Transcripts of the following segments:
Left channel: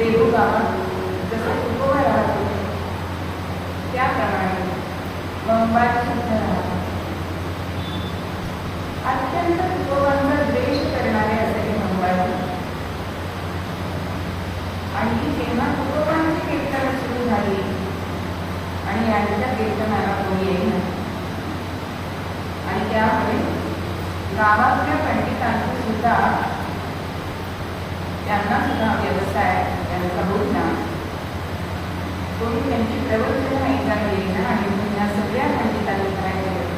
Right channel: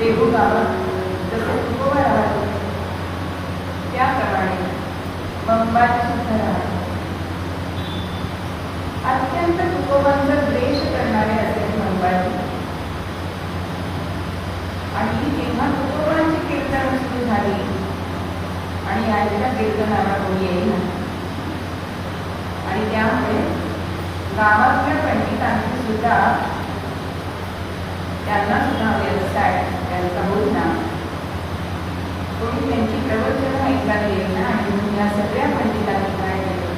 देहू गावात जसे तुकोबा राहत होते त्याप्रमाणे मंगळवार सुद्धा राहत. अत्यंत तुकोबांचा द्वेष करणारे असे मंगळवार. आणि जेव्हा तुकोबांची कीर्तन सुरू झाली आणि यांच्या कीर्तनाला कोणी येईल आणि त्यामुळे गावातल्या पंडितांचे सुद्धा त्यांना सुद्धा व्यवसाय त्यांचा बोलणा कोणी त्यांची प्रवचनं ऐकायला येईना. आणि या सगळ्या पंडितांनी काय केलं,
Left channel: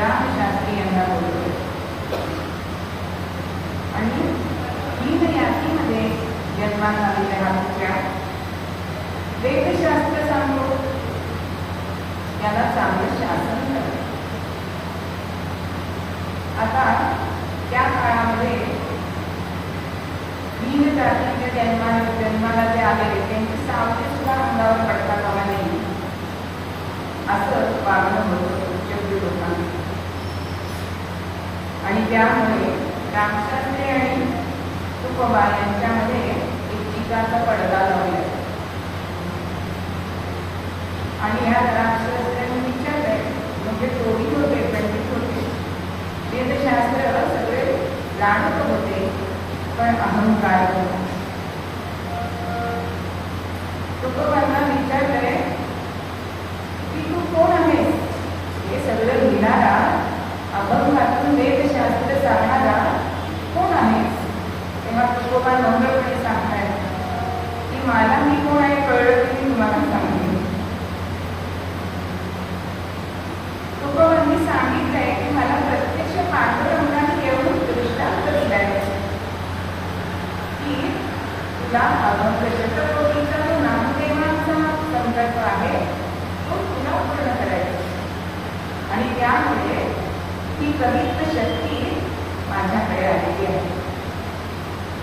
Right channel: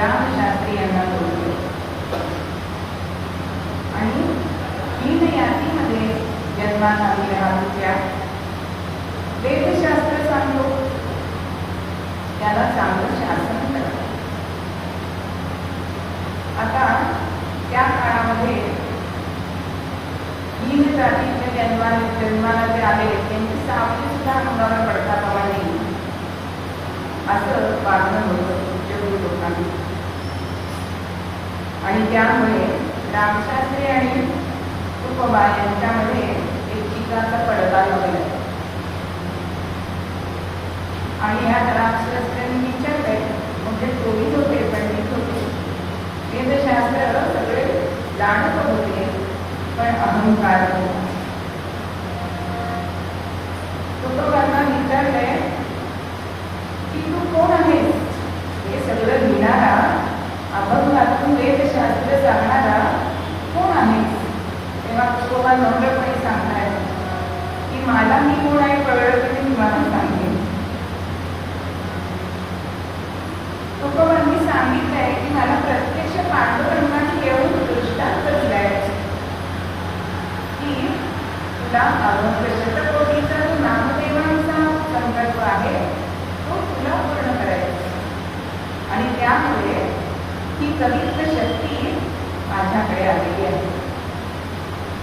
रामशास्त्री यांना बोलवलं आणि तीन यातीमध्ये जन्माला आलेल्या मुख्या वेदशास्त्र सांगतो त्याला चांगलं शासन करतात. आता त्या काळामध्ये तीन जातीतले जन्माला जे आले त्यांची सावली सुद्धा अंगावर पडता कामा नये असं वागणं होतं उच्चभ्रू लोकांनी. आणि त्यामुळे रामशास्त्री आणि तुकोबा यांच्यामध्ये एक चिकाचा पडदा लागला. आणि या रामशास्त्र्यांनी विचारले, म्हणजे दोन्ही होते, पंडित होते, वेदशास्त्र सगळे जाणत होते, पण अहंकार होता. तुकोबांना विचारले की तू कोण आहेस, हे सगळं लिहिणारा, अभंगातून वेदशास्त्र सांगणारा कोण आहेस. तेव्हा तुकोबा नम्रपणे सांगणार की मला मी कोण आहे कळलं की मी तुम्हाला सांगेन. तुकोबांनी सांगितलंय की मला प्रत्यक्ष पांडुरंगाने येऊन दृष्टांत दिलाय की तुला अभंगशतकोटीचा नामदेवांचा संदर्भ आहे तो तुला पूर्ण करायचा. आणि त्यामुळे ही पवित्र शक्ती माझ्याकडे आलेली आहे.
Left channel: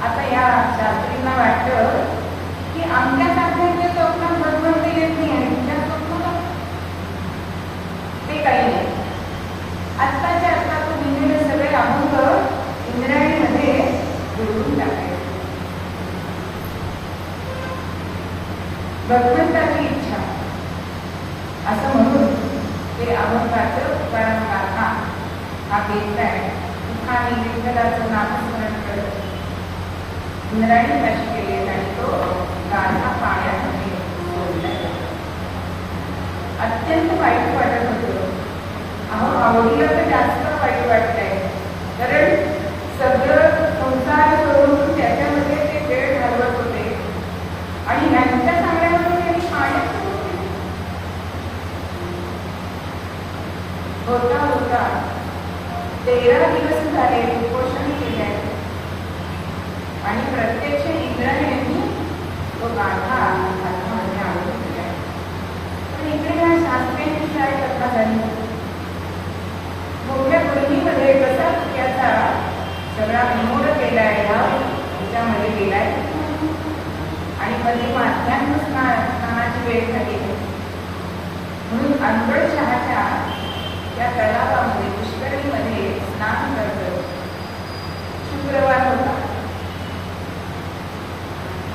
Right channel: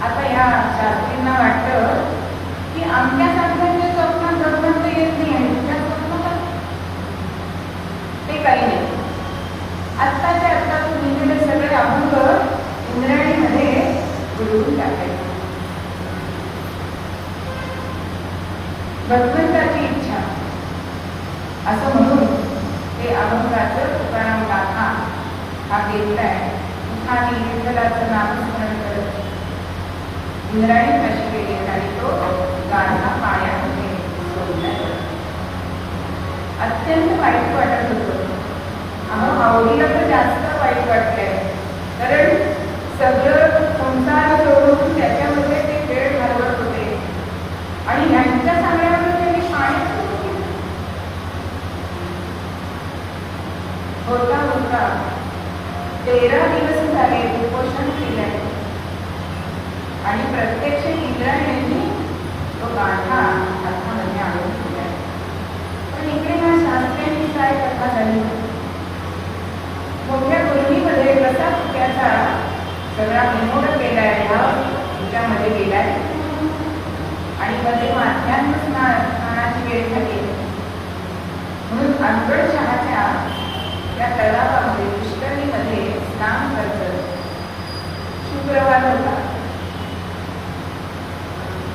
आता या शास्त्रींना वाटतं की आमच्यासारख्या चौकात बरोबर येत नाही आणि तुझ्या चौकाला ते काही नाही. आत्ताच्या आता तू लिहिलेले सगळे अभंग इंद्रायणीमध्ये बुडवून टाकायचे. भक्तांची इच्छा असं म्हणून ते अभंगाचं तुकाराम गाथा हा घेतलाय. आणि विठ्ठलाचं नामस्मरण करत इंद्रायणी कशी केली आणि तो गाथा पाण्यामध्ये सोडलाय. अत्यंत वाईट वाटत होतं. आवडीला तर जास्त वाईट वाटतंय, कारण सगळं संसार सोडून त्याच्यामध्ये ते वेळ घालवत होते आणि यांच्या सांगण्यामध्ये मी शाळेत होता होता 13 दिवस झाले उपोषण केले आणि प्रत्यक्ष इंद्रायणी तो गाथा अर्थामध्ये आणून दिला. पण इकडे काय शास्त्रीयांची काय कथा झाली, मोठ्या पूर्वीमध्ये कसा त्याचा सगळा विनोद केलाय, त्याच्यामध्ये गेलाय आणि मध्ये माध्यान्ह स्नानाची वेळ झाली म्हणून अनवड चहाच्या त्या तलावामध्ये पुष्करणीमध्ये स्नान करत शुक्रवार होता.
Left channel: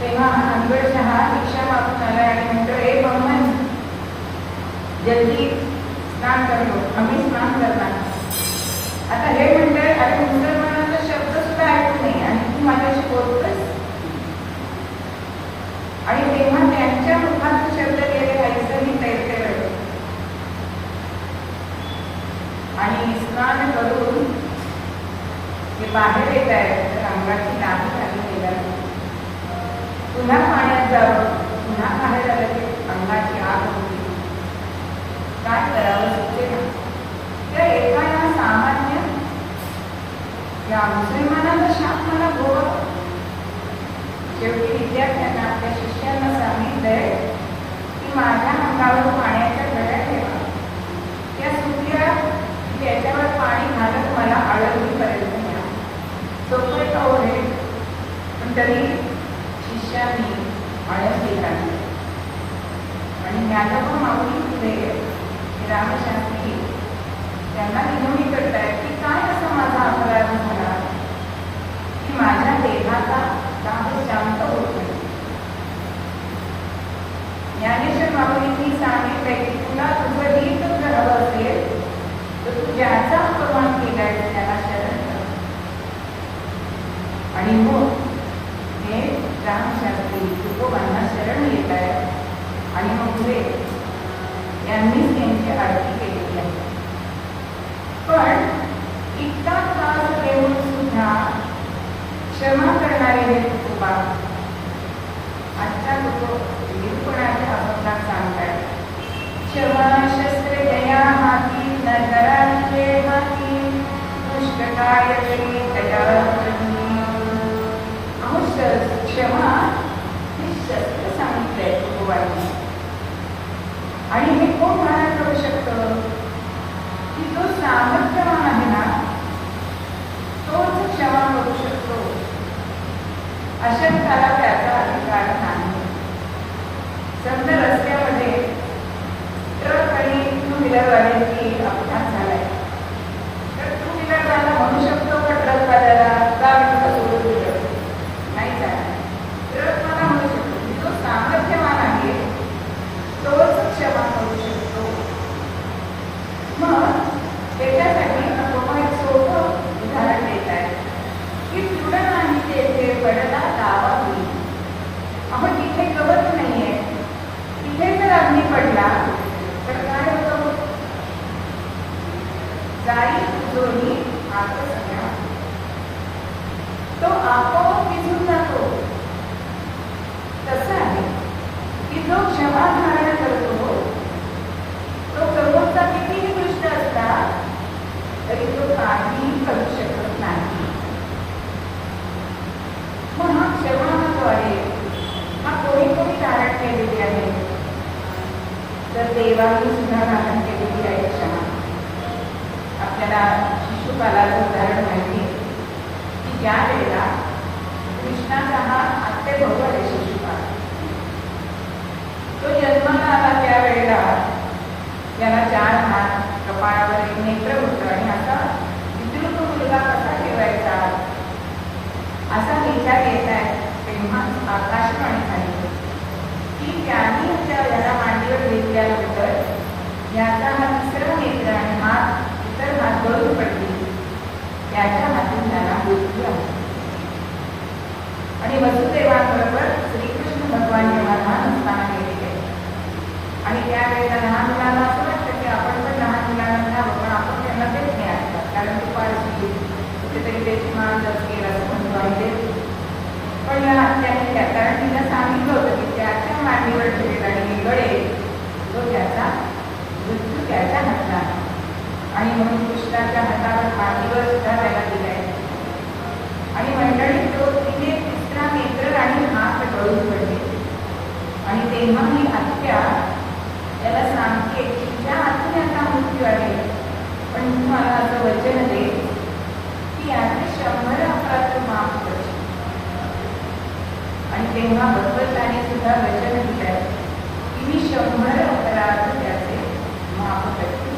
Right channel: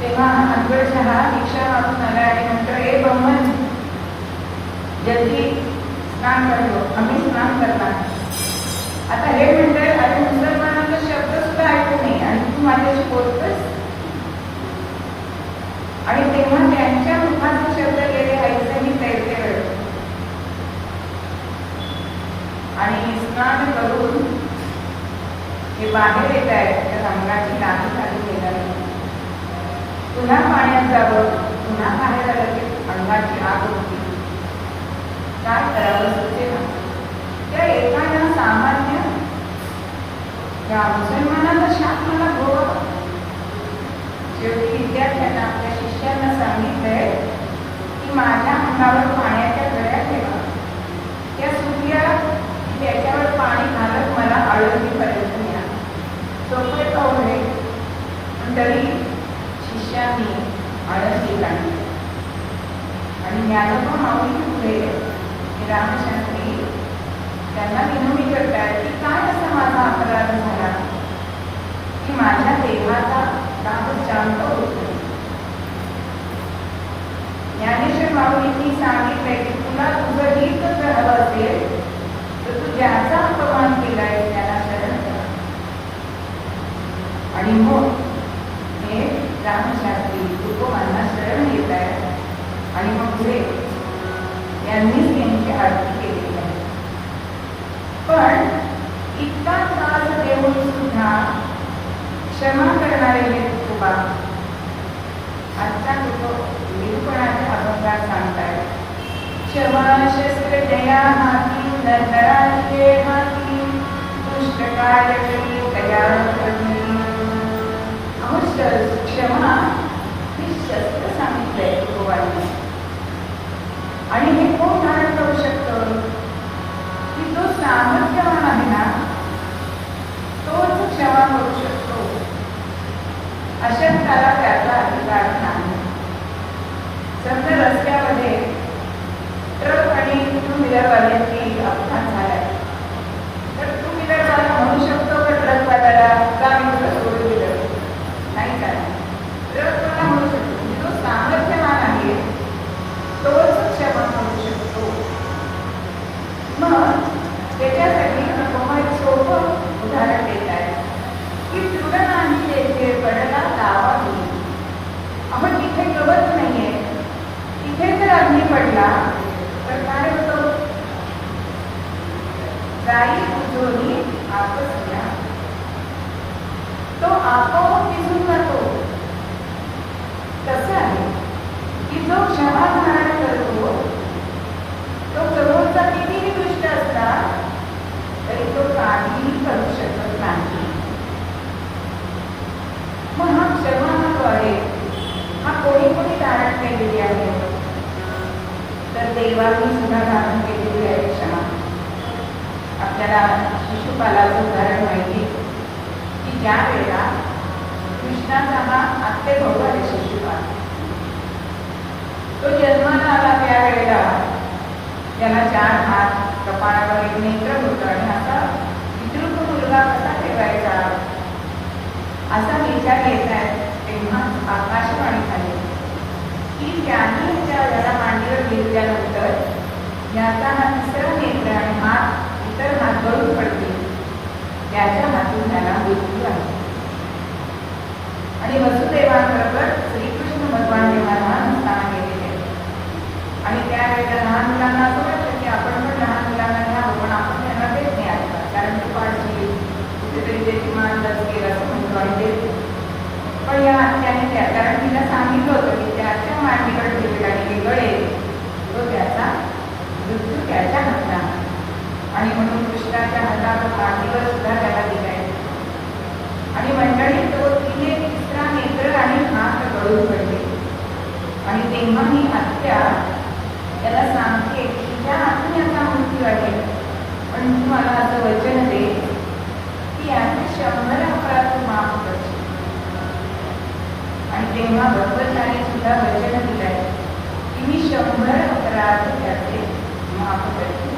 तेव्हा अनवड चहा रिक्षा मागून आला आणि म्हटलं, हे बहमन जल्दी स्नान करतो, आम्ही स्नान करतात. आता हे म्हणते, अरे मुसलमानाचा शब्द सुद्धा ऐकत नाही आणि तू माझ्याशी बोलतोस. आणि तेव्हा त्यांच्या मुखात शब्द गेले ऐसनी तैसे आणि स्नान करून हे बाहेर येत आहे तर अंगाची लाही खाली गेला. पुन्हा पाण्यात जावं, पुन्हा बाहेर आलं की अंगाची आग होती. काय करावं सुचते ना. त्या एकाला सामान्य या मुसलमानाचा शासनाला भोग. शेवटी विद्यार्थ्यांना आपल्या शिष्यांना सांगितलंय की माझ्या अंगावर पाण्याच्या गळ्या ठेवा, त्या सुटल्या त्याच्यावर पाणी घालत मला आळंदीपर्यंत न्या. सोपे पावले पण तरी शिष्यांनी आळंदी काढली आणि ज्ञानोबा माऊली पुढे रामशास्त्री त्यांना विनवणी करतायत की काय असा माझा अपराध झाला की माझ्या देवाचा रामशांत मी सांगितलंय की तुला तुझं हित जर हवं असेल तर तू ज्याचा अपमान केलाय त्याला शरण कर. आणि मग हे रामशास्त्री तुकोबांना शरण येत आहे. आणि मग पुढे यांनीच त्यांची आरती केलेली आहे. पण इतका त्रास देऊन सुद्धा क्षमा करणारे हे तुकोबा आजचा निरूपणाच्या अभंगात सांगताय. क्षमा शस्त्र जया हाती नरकराचे हाती दुष्टकाय क्षमा हे शस्त्र सांगितलंय तुकोबांनी. आणि हे कोण धारण करू शकतं की जो सामर्थ्यवान आहे ना तोच क्षमा करू शकतो. अशक्ताला त्याचा अधिकार नाही. समजा रस्त्यामध्ये ट्रक आणि टू व्हीलरवाल्यांची अपघात झालाय तर टू व्हीलरवाला म्हणू शकतो का ट्रकवाल्याला गाडी कुठं सोडून दिलं नाही चालत. ट्रकवाला म्हणू शकतो जो सामर्थ्यवान आहे तोच क्षमा करू शकतो. मग त्याच्यासाठी तुम्हाला एक सोपं उदाहरण देत आहे की पुढं आम्ही तेथे पडला लावा होईल. आपण तिथे गवत नाहीये, तिथे जर अग्नी पडला तर काय होतं? जाई तुझोनी आपस घ्या, तो आपोआप विझून जातो. तसं आहे की जो क्षमा धारण करतो तो समोरचा किती निकृष्ट असला तरी तो काहीही करू शकत नाही. मग हा क्षमा जो आहे हा कोणी कोणी धारण केलेली आहे तर देवानी सुद्धा धारण केलेली आहे क्षमा. आपल्याला शिशुपालाचं उदाहरण माहिती की ज्या वेळेला कृष्णाचा हा आत्तेभाऊ आहे शिशुपाल, तो जन्माला आला त्यावेळेला त्याला 4 हात, कपाळावर एक नेत्र होतं आणि असा विद्रुप मुलगा कसा ठेवायचा असा विचार येत आहे. तेव्हा आकाशवाणी झाली की त्याने त्याला मांडीवर घेतल्यानंतर याचा हा तिसरा नेत्र आणि हात इतर हात गळून पडतील, त्याच्या हातून त्याला मृत्यू आहे. आणि वसुदेवाबरोबर श्रीकृष्ण भगवान यांना लहान स्थान गेलेले आणि त्यावेळेला लहान मुलांना असं वाटतं की आपण पण लहान मुलांना घ्यावं पण आपण त्यांना देत नाही ऐकतात कारण ते पाचवी कुठेतरी त्याची मान केलं असं म्हणतो आणि देतो. पण या त्याने त्या कारण तिला सांगितलं होतं की त्याच्या मांडीवर ठेवेल आणि गळे तो त्याचा मृत्यू त्याच्या हातला. आणि म्हणून कृष्णाच्या हातावर मांडीवर सुद्धा त्याला दिलाय. आणि मंडळी तो तिने तिसरा नेत्र आणि हात गळून पडले. आणि तेव्हा ही आत्या त्याला सांगते की तुझ्या हातून याचा मृत्यू आहे पण तू मला असं वचन दे की याचे 100 अपराध तू माफ करशील. आणि तेव्हा भगवंताने सुद्धा वचन दिलंय की मी 100 अपराध त्याचे माफ करते.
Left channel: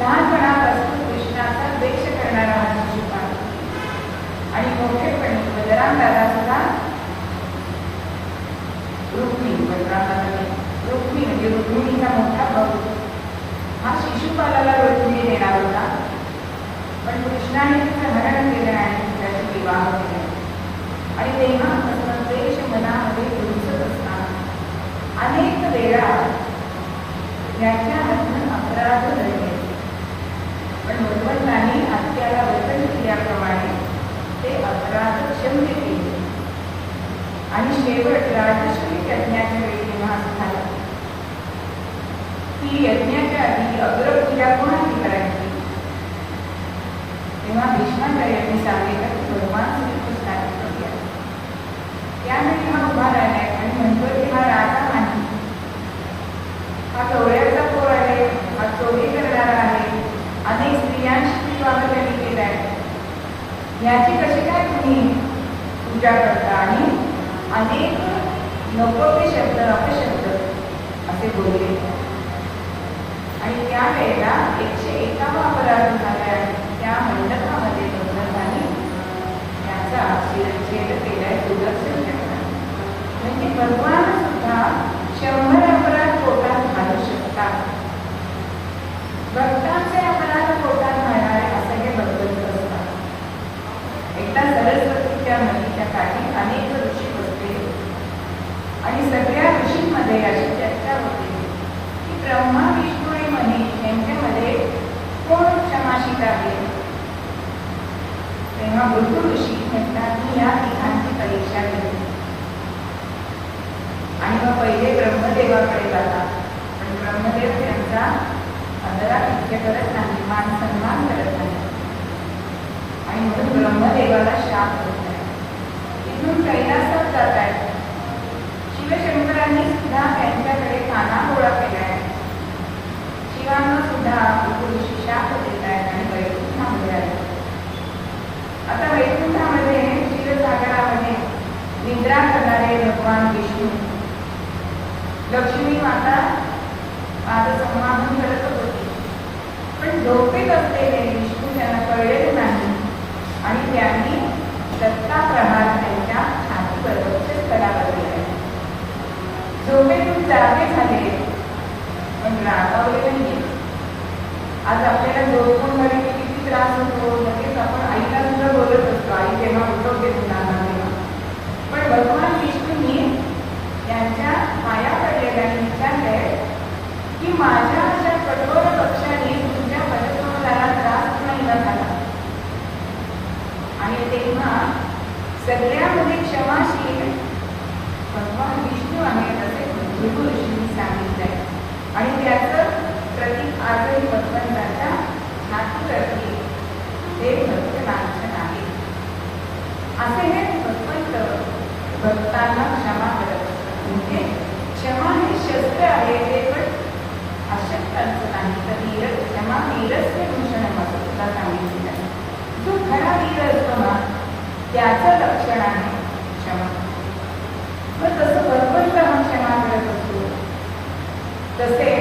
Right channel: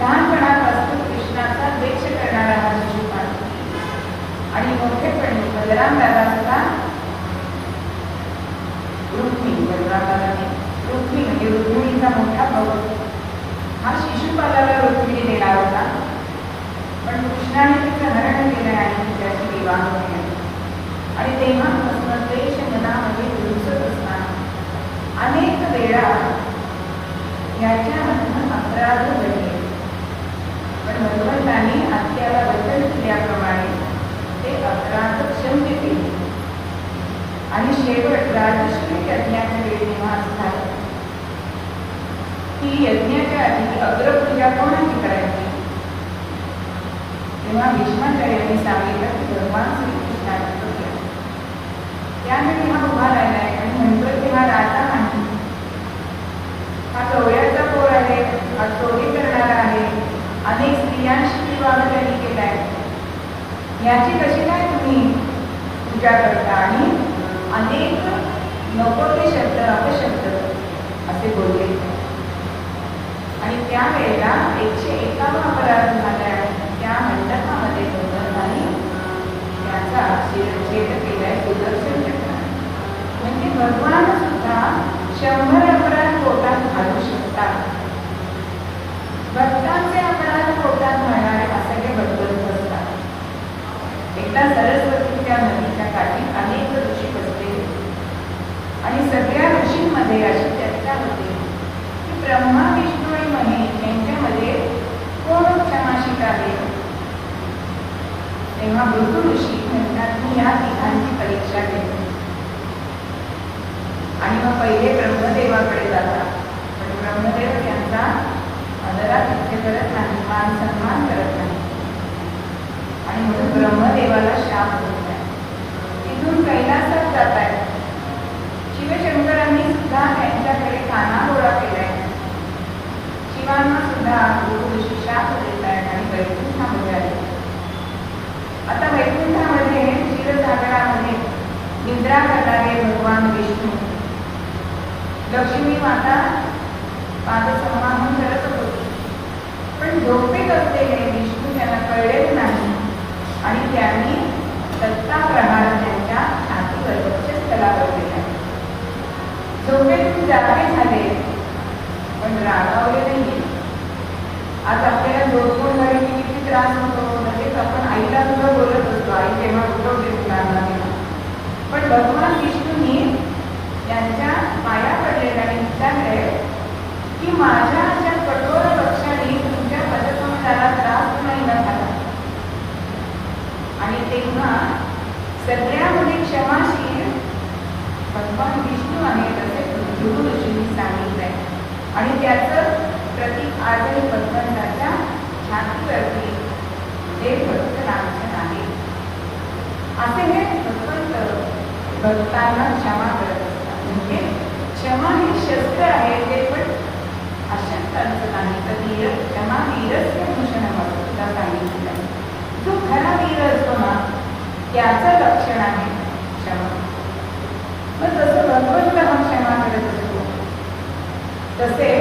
लहानपणापासून कृष्णाचा द्वेष करणारा हा शिशुपाल आणि मोठेपणी बलराम दादा सुद्धा रुक्मी म्हणजे रुक्मिणीचा मोठा भाऊ हा शिशुपालाला रुक्मिणी देणार होता. पण कृष्णाने तिचं हरण केले आणि त्याची विवाह केला. आणि तेव्हापासून द्वेष मनामध्ये घुसत असताना अनेक वेळा याच्यामधून अपराध घडले. पण भगवंतांनी आत्याला वचन दिल्याप्रमाणे ते अपराध क्षम्य केले. आणि शेवट राजश्री यज्ञाच्या वेळी तेव्हा असं झालं की यज्ञाच्या आधी अग्रपूजा कोणाची करायची तेव्हा भीष्माचार्यांनी सांगितलं की भगवान श्रीकृष्णाची पूजा. त्यावेळी हा उभा राहिलाय आणि म्हणतो की हा राजा नाही, हा गवळ्याचा पोर आहे, हा चोरी करणारा आहे, अनेक स्त्रियांशी विवाह त्यांनी केलाय, याची कशी काय तुम्ही पूजा करता? आणि अनेक नको ते शब्द अपशब्द असे बोलले. आणि त्यावेळेला 101 अपराध झाला. त्या मंडपामध्ये भगवंतांनी त्याचा शिरच्छेद केलाय, सुदर्शन चक्र. म्हणजे भगवान सुद्धा 100 अपराध निद्रा करणारे भगवान विष्णू, लक्ष्मी माता पादसंवाहन करत होती, पण झोपेत असलेले विष्णू त्यांना कळलेले नाही आणि त्यांनी दत्ता प्रहार त्यांच्या छातीवर वक्षस्थलावर केला. झोपेतून जागे झाले पण रागावले नाहीये. आज आपल्याला झोपून वगैरे किती त्रास होतो, लगेच आपण आईला सुद्धा बोलत असतो, आई तेव्हा उठवते मुलांना तेव्हा. पण भगवान विष्णूंनी त्यांच्या पाया पडलेल्या आणि विचारले की माझ्या अशा कठोर पक्षाने तुमच्या पदकमलाला त्रास नाही न झाला. आणि तेव्हा सगळ्यामध्ये क्षमाशील भगवान विष्णू आहेत असे भृगु ऋषींनी सांगितलंय. आणि त्याचं प्रतीक आजही भगवंताच्या छातीवरती देवभक्त लांछन आहे. असे हे भगवंत भक्तांना क्षमा करत असतात. म्हणजे क्षमा हे शस्त्र आहे, ते पण अशक्तांचं नाही. तर वीर क्षमा वीरच भूषणामध्ये तुला सांगितलेलं आहे. जो खरा वीर असतो ना त्याचं लक्षण आहे क्षमा. तर तसं भगवंत हा क्षमा करत असतो. तसे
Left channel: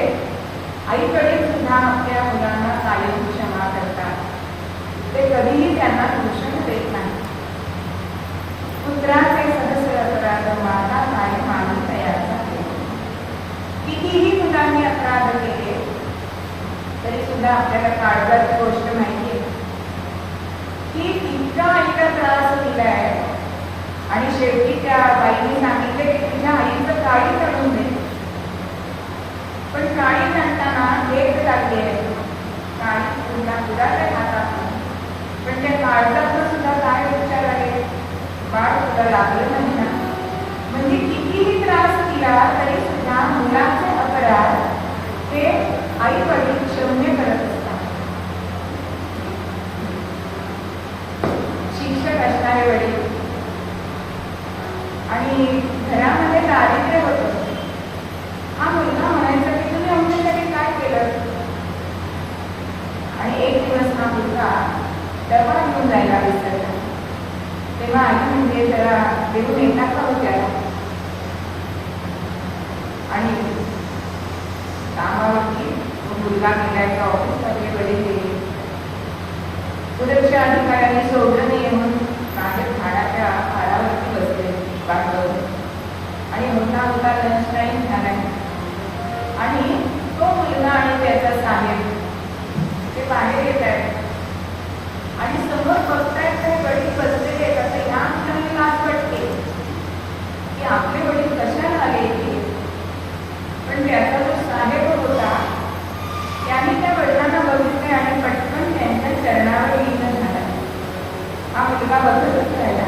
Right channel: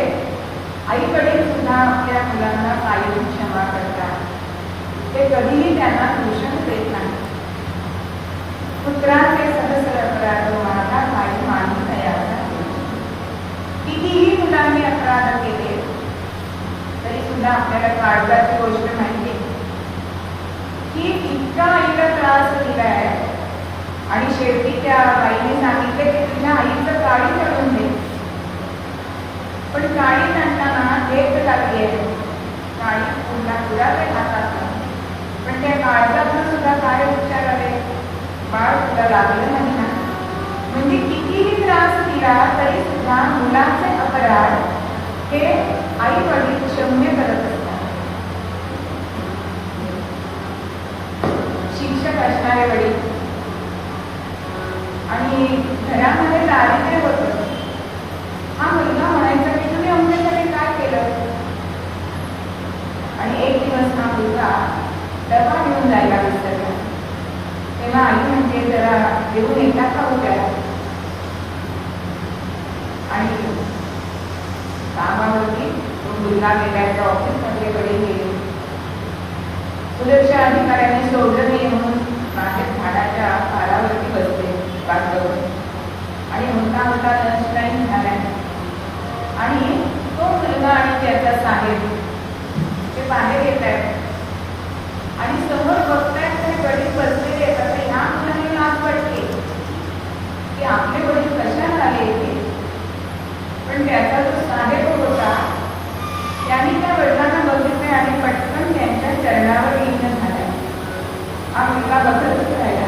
आईकडे सुद्धा आपल्या मुलांना कायम क्षमा करतात. ते कधीही त्यांना दूषण देत नाही. पुत्राचे सहस्र अपराध माता कायम आणि तयार झाले. कितीही मुलांनी अपराध केले तरी सुद्धा आपल्याला काळजाची गोष्ट माहितीये की इतका आईला त्रास दिलाय आणि शेवटी त्या बाईने सांगितले की तुझ्या आईचं काळी करून दे. पण काळी म्हणताना एक लागली आहे, काळी पुन्हा तुला काय हातात नाही. पण त्या काळजातून सुद्धा काय उपचार आले, बाळ तुला लागलं नाही ना. म्हणजे कितीही त्रास दिला तरी सुद्धा मुलाचे अपराध हे आई वडील क्षम्य करत असतात. शिक्षक असणारे वडील आणि घरामध्ये दारिद्र्य होतं. हा मुलगा म्हणायचा की तुम्ही आमच्यासाठी काय केलं. आणि एक दिवस हा मुलगा डबा घेऊन जायला विसरला. तेव्हा आई म्हणजे जरा देऊन येता का होत्या. आणि कामावरती मुलगा गेला, ऑफिसमध्ये वडील गेले. सुरक्षा अधिकाऱ्यांनी सोडलं नाही म्हणून बाहेर झाडाच्या पारावरती बसले बाजूवर. आणि मोठा मोठा लंच टाईम झाला आणि तो मुलगा आणि त्याचा साहेब ते बाहेर येत आहेत आणि समोर बघतायत तरी वडील बसलेले आहेत. आता ह्या मुलाने लाज वाटते की आपले वडील कशाला आले. पण त्याचा जो साहेब होता त्याने त्या वडिलांना बघितले आणि पटकन त्यांच्या चरणावर लीन झाला. हा मुलगा बघत राहिला.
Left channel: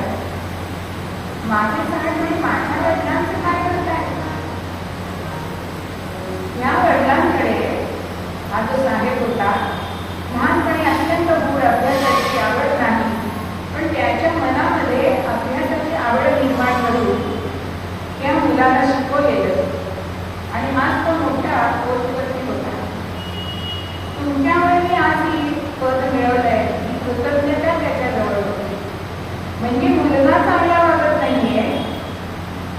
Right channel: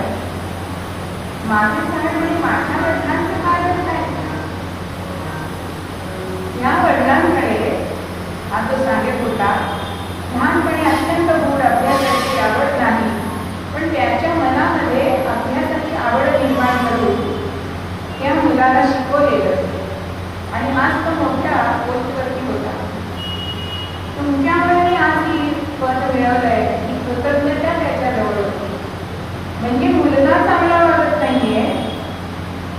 माझे साहेब म्हणजे माझ्या वडिलांचं काय होत आहे. या वडिलांकडे हा जो साहेब होता लहानपणी अत्यंत दूर अभ्यासाची आवड नाही, पण त्याच्या मनामध्ये अभ्यासाची आवड निर्माण करून या मुलाला शिकवलेलं. आणि आज तो मोठा पोस्टवरती होता. तुमच्याकडे आज ही पद मिळवलंय ही कृतज्ञता त्याच्याजवळ होती. म्हणजे मुलगा चांगला वाटत नाहीये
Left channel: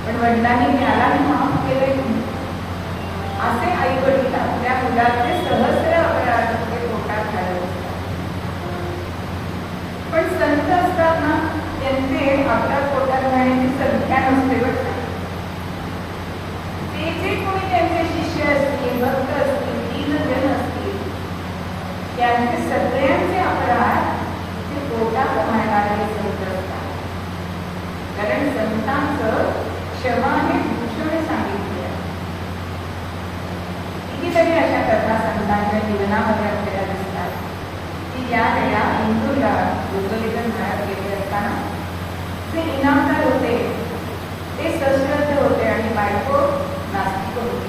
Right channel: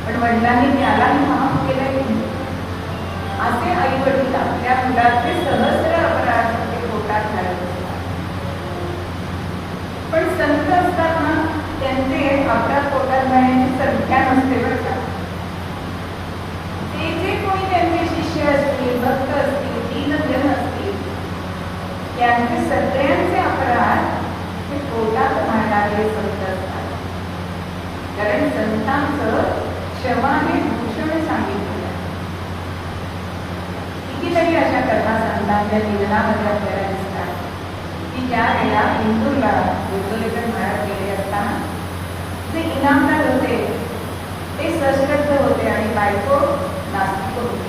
पण वडिलांनी त्याला माफ केलंय. असे आई वडील आपल्या मुलाचे सहस्र अपराध पोटात घालत असतात. पण संत असताना त्यांचे अपराध पोटात घालण्याची संख्या नसते बघा. ते जे कोणी त्यांचे शिष्य असतील, भक्त असतील, दीनजन असतील, त्यांचे सगळ्यांचे अपराध हे पोटात घालणारे संत असतात. कारण संतांचं क्षमा हे भूषण सांगितलं. कितीतरी अशा कथा संतांच्या जीवनामध्ये आपल्याला दिसतात की ज्या वेळा हिंदूला उद्बोधन धारण केले असताना जे इनामदार होते ते सश्रद्ध होते आणि बायको नास्तिक होते.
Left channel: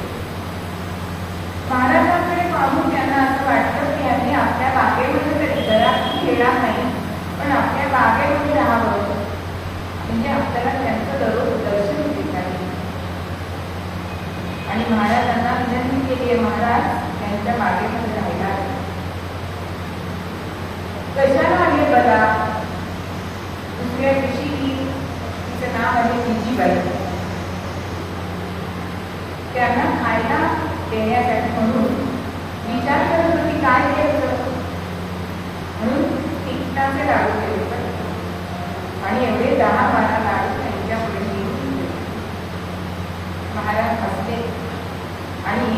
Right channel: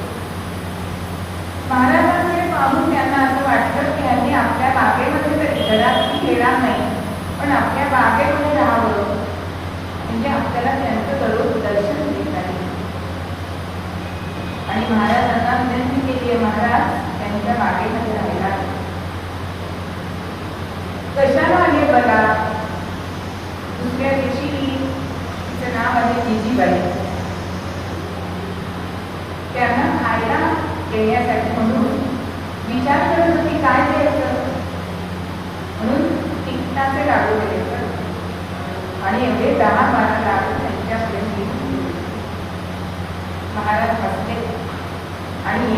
महाराजांकडे पाहून त्यांना असं वाटलं की आम्ही आपल्या बागेमध्ये तरी घरात येणार नाही पण आपल्या बागेमध्ये राहावं म्हणजे आपल्याला त्यांचं दररोज दर्शन घेता येईल. आणि महाराजांना विनंती केली आहे, महाराज त्यांच्या बागेमध्ये राहिला. कशाला आहे बघा. दुसऱ्या दिवशी बाई. त्यांना खायला देण्यासाठी म्हणून विचार करत होती काय द्यायचं, म्हणून तिखटाचे लाडू द्यायचं आणि एवढे 10-12 लाडू त्यांच्याकडे घेऊन महाराज बसले आणि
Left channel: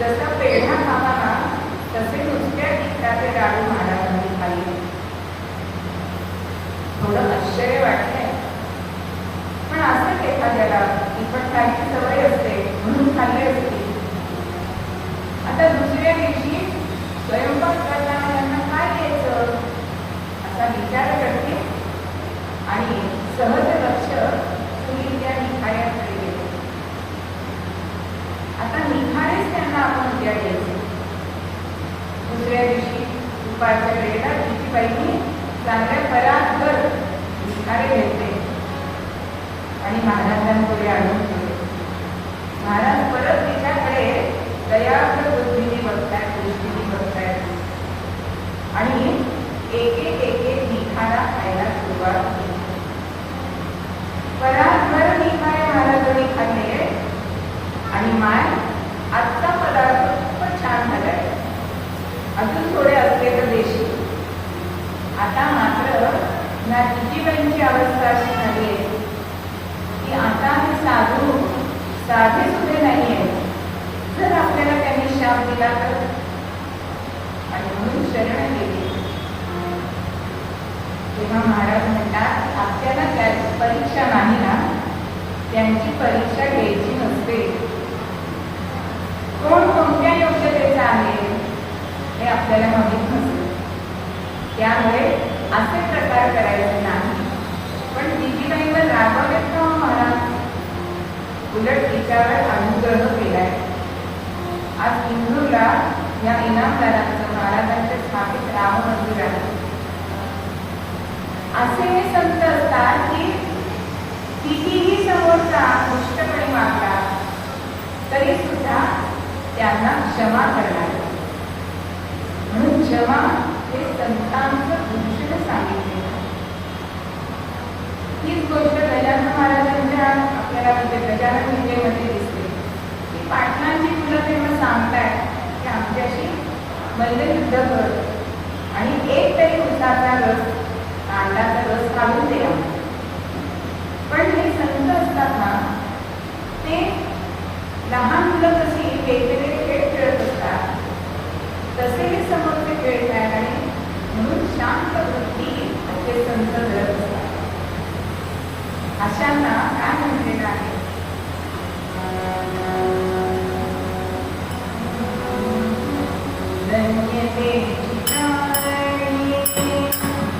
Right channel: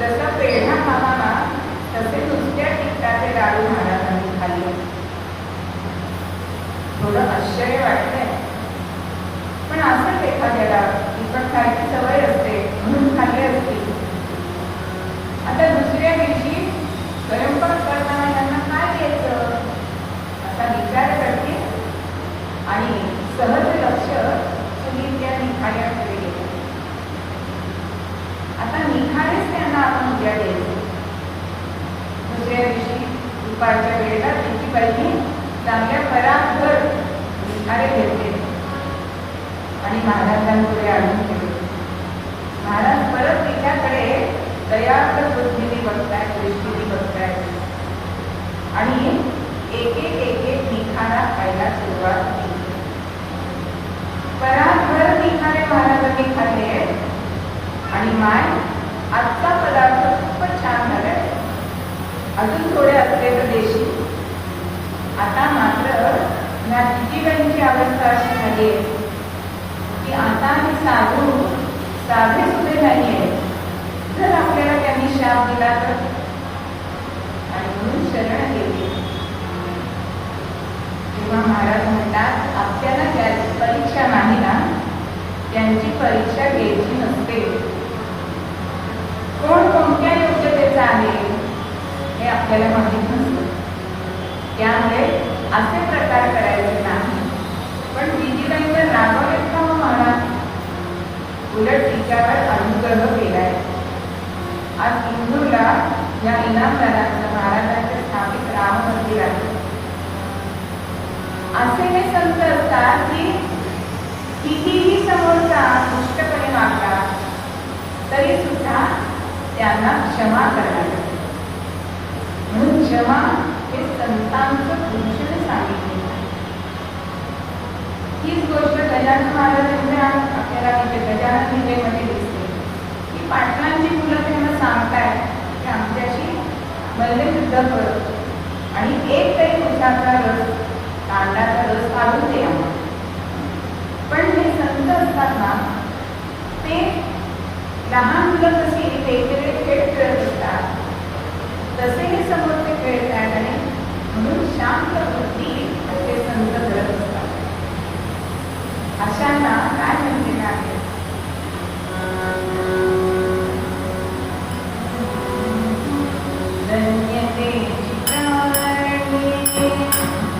जसा पेढा खाला तसे नुसत्या तिखटाचे लाडू महाराजांनी खाल्ले. थोडं आश्चर्य वाटलंय, पण असंच एखाद्याला तिखट खायची सवय असते म्हणून खाल्ले असतील. आता दुसऱ्या दिवशी स्वयंपाक करताना यांना काय द्यायचं असा विचार करते आणि सहज लक्ष चुलीत त्या निखाऱ्याकडे गेलं. आता निखारेच त्यांना आपण उद्या द्यायचं. दुसऱ्या दिवशी दुपारच्या वेळेला तिची बाईने चांगल्या परातभर निखारे घेतले आणि महाराजांकडे आणून ठेवले. महाराज परत तिच्याकडे दयार्थ बुद्धीने बघतायत, दृष्टीने बघतायत आणि एक एक निखारा खायला सुरुवात केली. परातभर निखारे महाराजांनी खाल्ले आणि माय आजचा पदार्थ खूपच छान झालाय, अजून थोडे असते तर देशी. आता मात्र या जिजीबाईंची अवस्था अशी झाली आहे की आता हे साधे सुद्धा नाहीये. जर आपल्याला त्यांनी शाप दिला तर, आणि म्हणून शरण गेली. जेव्हा महाराज म्हणतात आपल्याला त्याची परीक्षा नाही ना, त्यांची परीक्षा घ्यायची नसते. कोण कोणत्या योग्यतेचा आहे हे आपल्याला माहीत नसते. त्यामुळे असे प्रकार करायचे नाही. पण जिजीबाईंना रागावलेत का महाराज? उलट तिच्यावर अनुग्रह केलाय. आज इंदूरला या इनामदारांचं महाराजांचे स्थापित राम मंदिर आहे. असे हे संत असतात की कितीही समोरचा दुष्टपणे वागला तरी सुद्धा त्यांना क्षमा करणार. म्हणून क्षमा हे संतांचं भूषण सांगितले. हीच गोष्ट गजानन महाराजांच्या आपल्याला गजानन विजयमध्ये दिसते की पाटलांची मुलं त्यांना सांगतायत की आमच्याशी मल्लयुद्ध करत आणि एक तरी उसाचा रस, कांडाचा रस काढून द्या. पण हे संत असतात ना, ते लहान मुलं कशी वेगवेगळे खेळ खेळत असतात तसे हे समोरचे खेळ खेळत आणि म्हणून शांत बुद्धी असे संत करत असतात. अशांना काय म्हणलेलं आहे? धन्यते चित्रायणी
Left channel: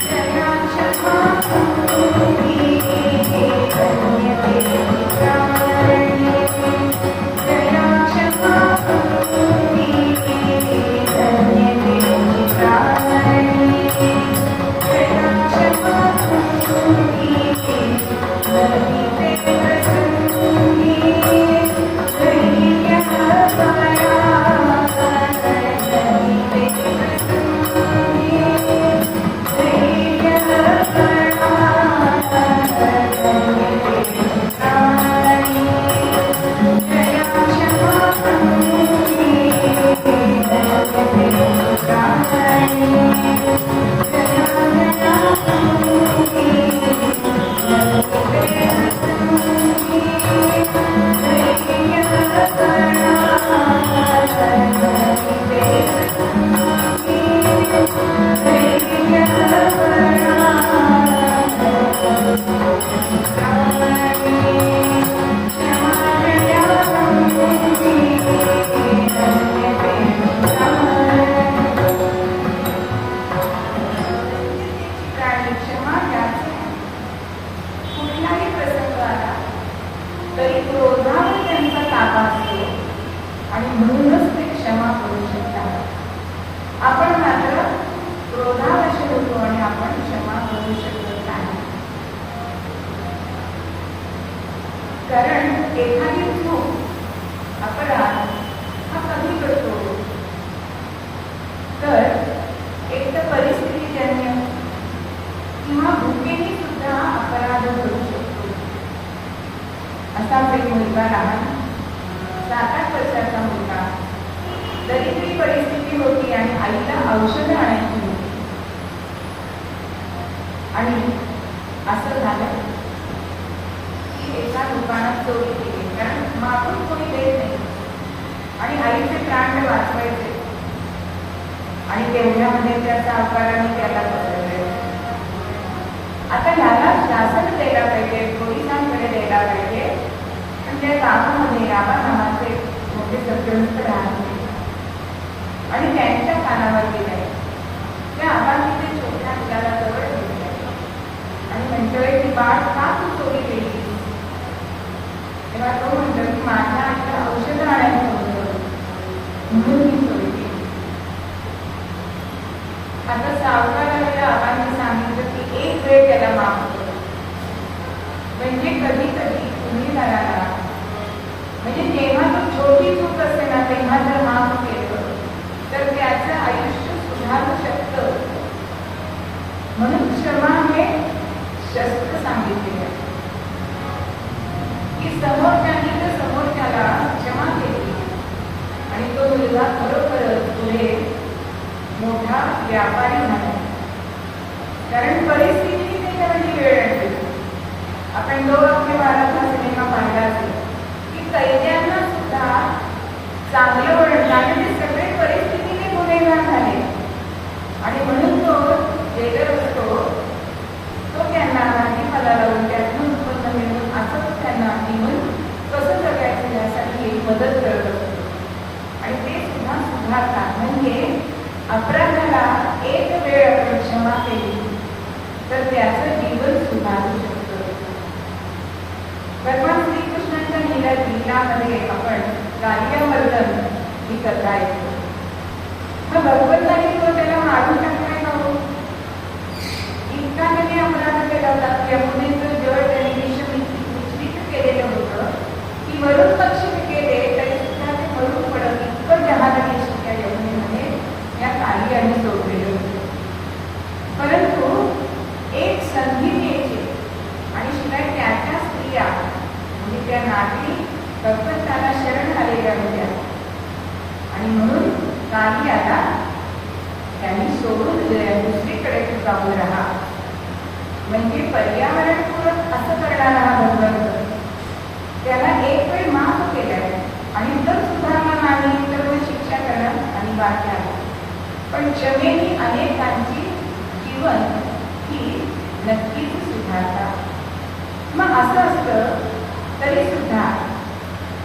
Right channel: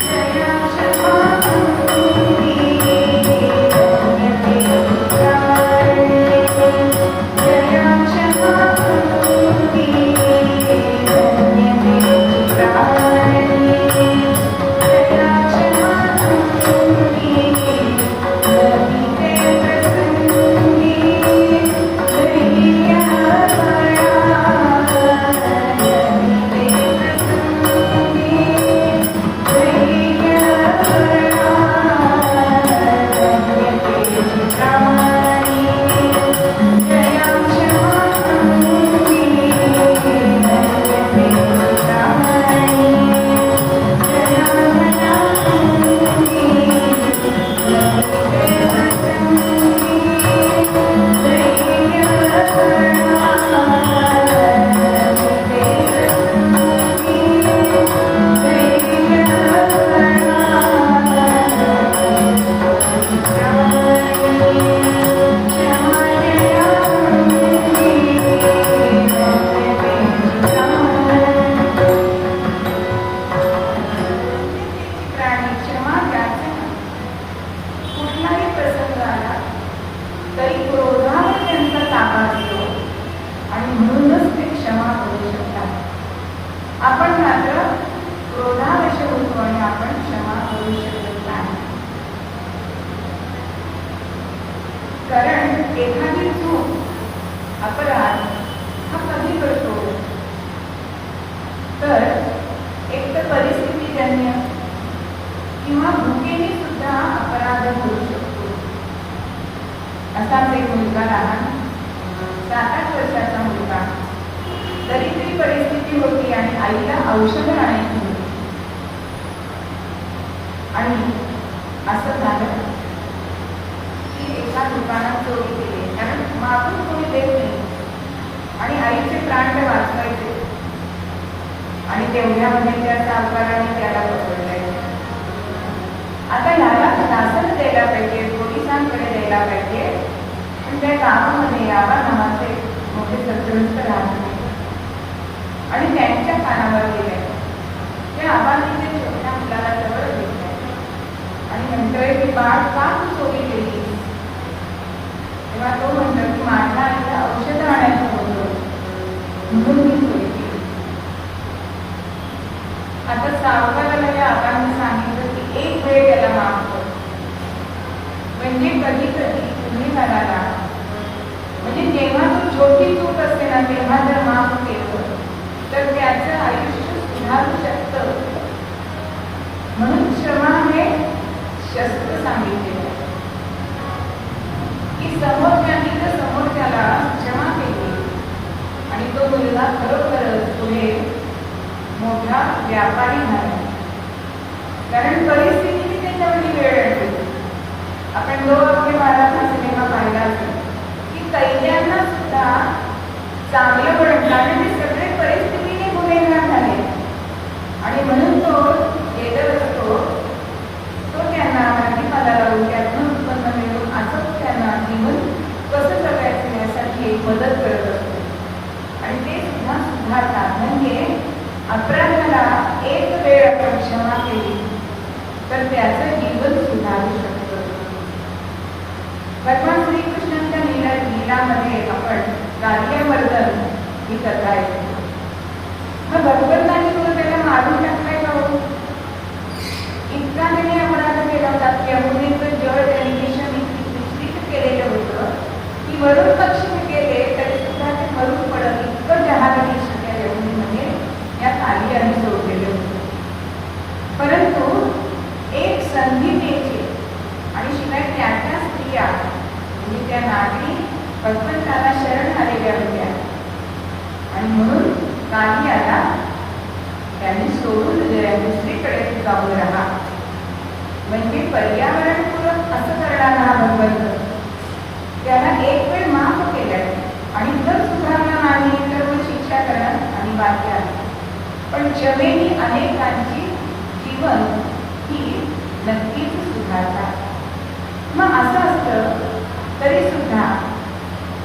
जया क्षमा कुरुणी, धन्यते चित्रायणी जया क्षमा कुरुणी, धन्यते चित्रायणी जया क्षमा कुरुणी, एखादी चूक अपराध हा कधी करतो तर एक तर परिस्थितीजन्य किंवा भूकेने सुद्धा अपराध होऊ शकतो. असाच एक मुलगा लहान 7-8 वर्षाचा मुलगा. दरिद्री परिस्थिती होती आणि आईला औषध आणायची होती. आणि असं झालं की एका दुकानात चोरी केली, कारण मागून कोणी देत नाही आणि आईचे प्राण वाचवायचे. आणि तेवढ्यामध्ये त्या सावकाराने त्याला पकडले. आता ह्याला शासन द्यायला पाहिजे, पोलिसांकडे द्यायला पाहिजे. पण त्या गावामध्ये आबा नावाचे मोठे सरपंच राहत होते आणि त्यांच्या कानावर गेले. त्या आबांनी ते छोट्या मुलाला जवळ घेतलं आणि म्हणतोय की बाळ का तू चोरी केली? तेव्हा तो म्हणतो की माझ्या आईला औषध आणायचं होतं म्हणून मी चोरी केली. आता सावकाराला या आबांनी सांगितलं की एक वेळ त्याला माफ कर. म्हणजे कधी कधी तुम्ही झाला म्हणजे जेव्हा तू छोटी चूक असते ना तेव्हा जर माफ केलं तर त्याचं आयुष्य सुधारू शकतं. म्हणून क्षमा हे शस्त्र सांगितलेलं की समोरच्याने तर समोरच्याला क्षमा केली आणि तो मुलगा खरोखरच पुढे मोठा व्यापारी झाला. कारण परिस्थिती त्याच्यामध्ये वेळ आणली. आपण 2 अक्षय बाराचा सिनेमा पाहिला असेल की कैद्यांना सुद्धा चांगलं बनवणारे ते सगळे परिस्थितीने गुन्हेगार झाले आणि म्हणून तो जेलर असतो तो त्यांना भाजीपाला लावून त्यातून उत्पन्न मिळवून असं त्यांना जीवन कसं जगायचं यासाठी मदत करत असतो. आणि ते सुद्धा सुधारतात. म्हणजे अपराधाला एक वेळ आपण क्षमा केली तर त्याचं जीवन सुधारू शकतं. भगवान श्रीकृष्णांच्या लीलामध्ये आपण कार्यवर्धन ही कथा ऐकतो. तर भगवंतांनी तो त्याला मारून टाकलाय का? इतका त्याने अपराध केला होता की यमुनेचं जळ त्यांनी मिश्रित केलेलं होतं की वरून पक्षी गेले तरी सुद्धा ते मरून पडत इतकं जहाज त्या यमुनेमध्ये या कार्याने सोडलेले होते. परंतु एक संधी द्यायची आणि शिवाय त्याच्या स्त्रिया म्हणजे त्या नारी फक्त त्याला शरण आलेल्या होत्या आणि म्हणून कार्याला त्यांनी सोडून दुसरीकडे जाऊन राहा. म्हणजे पर्यावरणपूरक असं करणारा हा भगवंत त्याला एक वेळ माफ केल्या आणि जर सुधारणा नाही तर मग शिक्षा करणं अनिवार्य आहे. पण क्षमेने अनेकांची जीवन ही नक्कीच सुधारतात. मग असं असतं तरी सुद्धा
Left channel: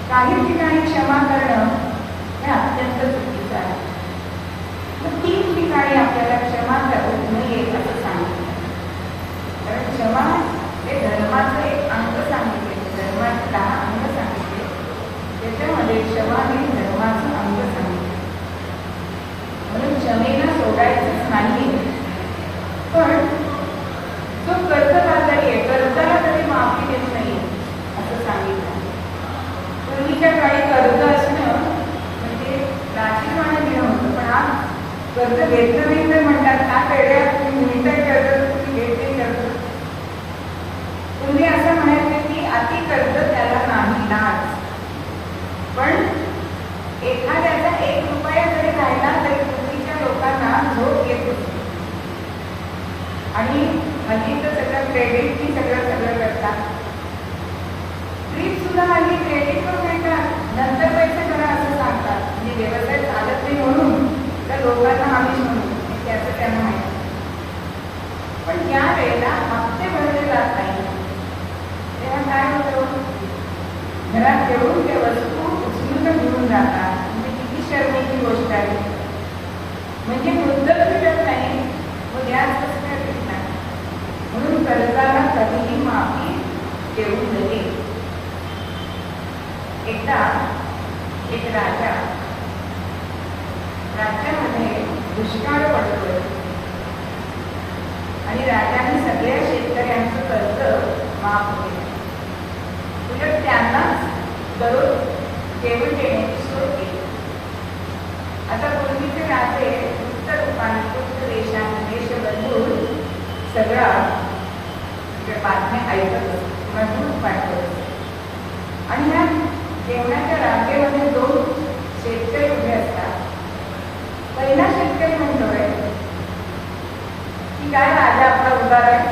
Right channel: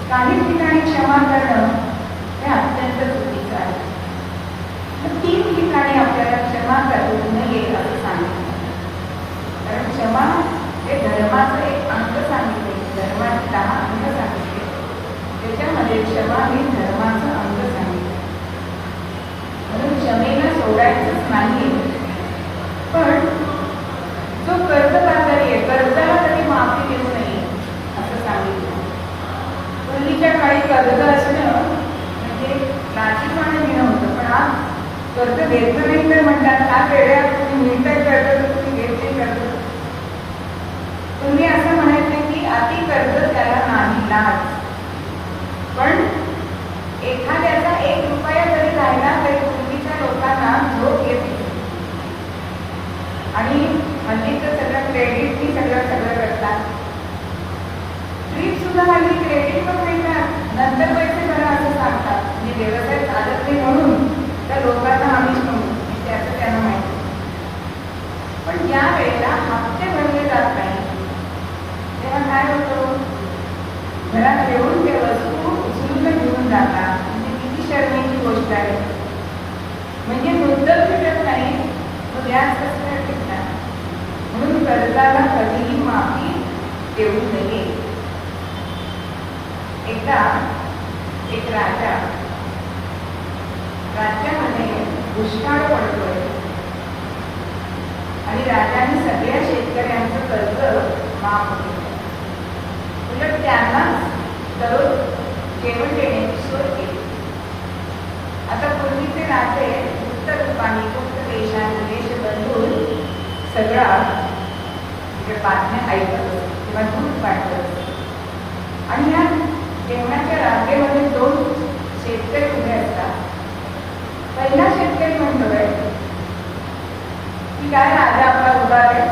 काही ठिकाणी क्षमा करणं हे अत्यंत चुकीचं आहे. तर 3 ठिकाणी आपल्याला क्षमा करू नये असं सांगितलं. कारण क्षमा हे धर्माचं एक अंग सांगितले, धर्माचे 10 अंग सांगितले, त्याच्यामध्ये क्षमा हे धर्माचं अंग सांगितले. म्हणून क्षमेला सोडायचंच नाही. पण जो कर्तव्यकारी आहे कर्जाला कधी माफी देत नाही असं सांगितलं. पूर्वीच्या काळी कर्ज असणं म्हणजे राजीपणा घेणं होतं. पण आज कर्ज घेतलं नाही तर म्हणतात का वेळेला तुम्ही मिळतं कर्ज तुम्ही घेतले कर्ज. तुम्ही असं म्हणायचे की अति कर्ज त्याला नाही लाज. पण एखाद्याचा 1 रुपया जरी राहिला तरी पूर्वीच्या लोकांना झोप येत होती. आणि हल्ली तर सगळं क्रेडिटनी सगळं करतात. ट्रीप सुद्धा हल्ली क्रेडिटवर मिळतात, नंतर पैसे करा असं सांगतात. म्हणजे व्यवसाय चालत नाही म्हणून त्या लोकांना आमिष म्हणून त्याचं त्यांना माहिती. पण ज्या वेळेला हप्ते भरले जात नाही तेव्हा काय होतं? घरात येऊन त्या वस्तू उचलून घेऊन जातात. म्हणजे किती शर्मेची गोष्ट आहे. म्हणजे मुद्दल भेटत नाही, उद्याच कसं भेटणार. म्हणून कर्जाला कधीही माफी देऊ नये. एकदा एक राज्यामध्ये दुष्काळ पडतोय आणि राजाने सगळ्या शेतकऱ्यांचं कर्ज माफ केलं. उलट त्यांनाच दररोज जेवण देण्याची सोय केली. आता पूर्वीचे राजे उत्तर पाणीपुत्र देशामध्ये देश बदलून सगळा बातम्या ऐकत असत किंवा दूध पाठवत असत. काय राजा आपला उदार आहे,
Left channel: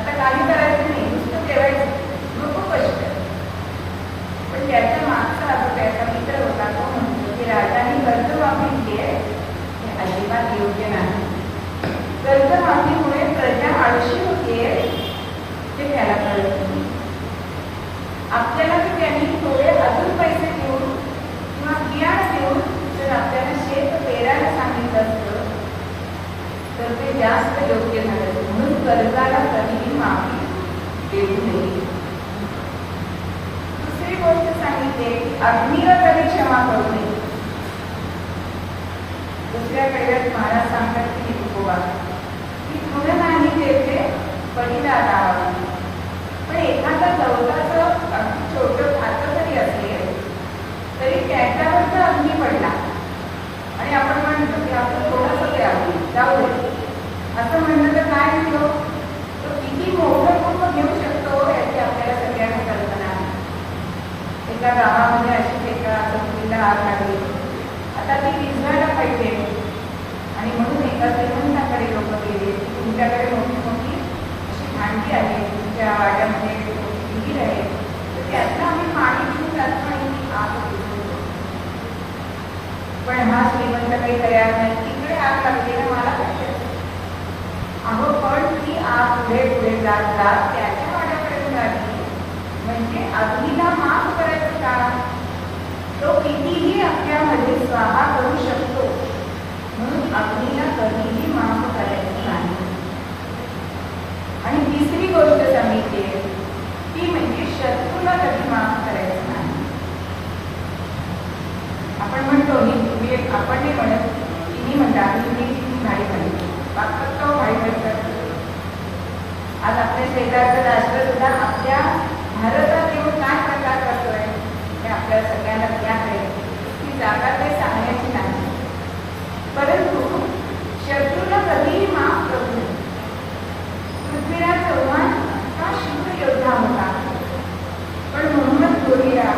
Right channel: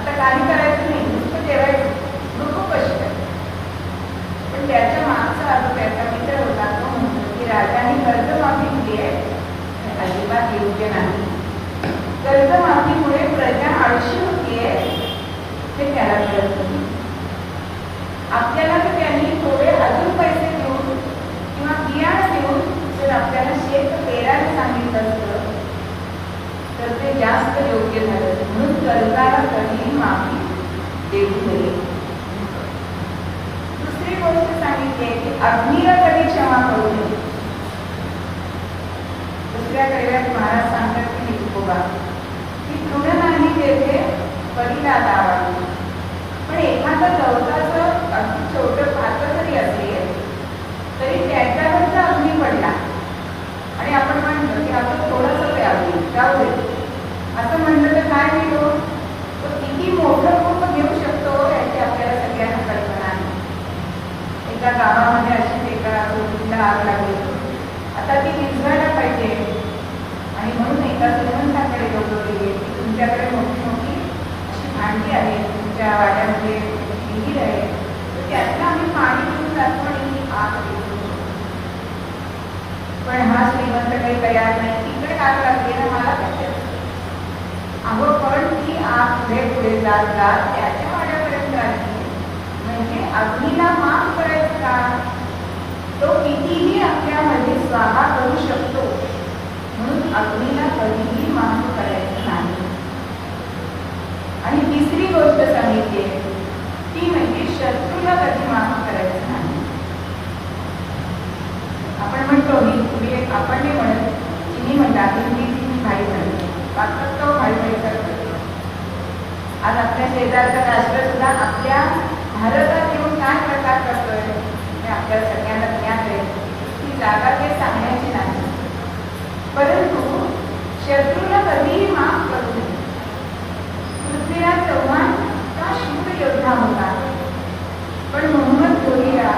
आता काही करायचं नाही, नुसतं ठेवायचं, नको कष्ट. पण त्याच्या मागचा आता त्याचा विचार होता, तो म्हणतो की राजाने कर्जमाफी केली आहे, हे अजिबात योग्य नाही. कर्जमाफीमुळे प्रजा आळशी होतीये हे त्याला कळत नाही. आपल्याला तर त्यांनी थोडे अजून पैसे देऊन किंवा बियाणं देऊन जर आपल्याला शेत पेरायला सांगितलं असतं तर ते जास्त योग्य झालं. म्हणून कर्जाला कधीही माफी देऊ नये. दुसरी गोष्ट सांगितली की अग्नीला कधी क्षमा करू नये. दुसऱ्या वेळेस महाराज सांगतात की निकोबा की तुझं नाही तेथे पडीला लावा. पण एखादा गवताचं अगदी छोटं पात्र जरी असेल तरी त्याच्यावर जर अग्नी पडला आणि आपण म्हणतो की आपण थोडंसं ते अग्नी जाऊ दे असं म्हणलं तर काय होईल, तो किती मोठं रूप घेऊ शकतो याची आपल्याला सगळ्यांना कल्पना आहे. एका गावामध्ये अशी एका चौकीला आग लागली. आता ती विझवायला पाहिजे आणि म्हणून एका श्रीमंताकडे लोक गेले की तुमच्याकडे मोठी मोठी अशी भांडी आहे, तुमच्या वाड्यामध्ये विहीर आहे, तर त्यातलं आम्ही पाणी घेऊन जातो आणि ती आग विझवतो. पण हा श्रीमंत काही तयार नाही. तिकडे आग लागली ना, मला काय अहो पण ती आग पुढे पुढे जात जात त्याच्या वाड्यापर्यंत आली. म्हणजे अग्नीला माफ करायचं का? तो कितीही आपल्यामध्ये स्वाहा करू शकतो, म्हणून अग्नीला कधीही माफ करायचं नाही. आणि तिसरी गोष्ट सांगितली ती म्हणजे शत्रूला कधी माफ करायचं नाही. आपण म्हणतो आपण नाही म्हणत, तिने म्हणतात मी भाई म्हणतो तो भाई म्हणतात. आज आपल्या शेजारचा राष्ट्र सुद्धा आपल्या भारतात येऊन काय प्रकार करतोय हे आपल्या सगळ्यांना ज्ञात आहे. ती जागा ते सांगण्याची नाही. परंतु शत्रूला कधीही माफ करू नये. पृथ्वीराज चव्हाण हा शुद्ध योद्धा होता, पण म्हणूनच गोरीला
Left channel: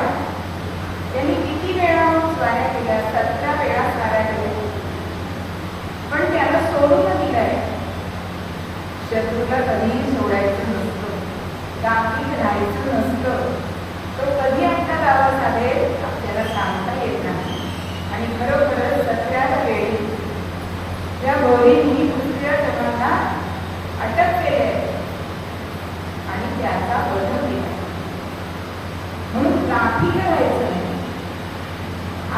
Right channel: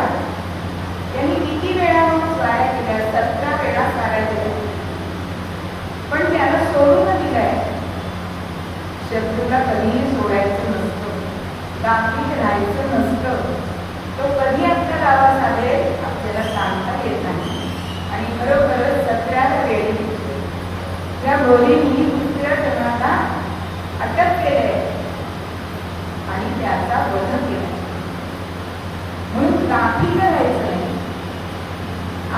त्यांनी किती वेळा स्वाऱ्या केल्या, 17 वेळा स्वाऱ्या केल्या, पण त्याला सोडून दिलाय. शत्रूला कधीही सोडायचं नसतं, गाफील राहायचं नसतं. तो कधी आपल्या गावात आलेल आपल्याला सांगता येत नाही. आणि खरोखरच 17 वेळी या गोरींनी दुसऱ्या जन्माला अटक केले आणि त्याचा वध केला. म्हणून गाफील राहायचं नाही.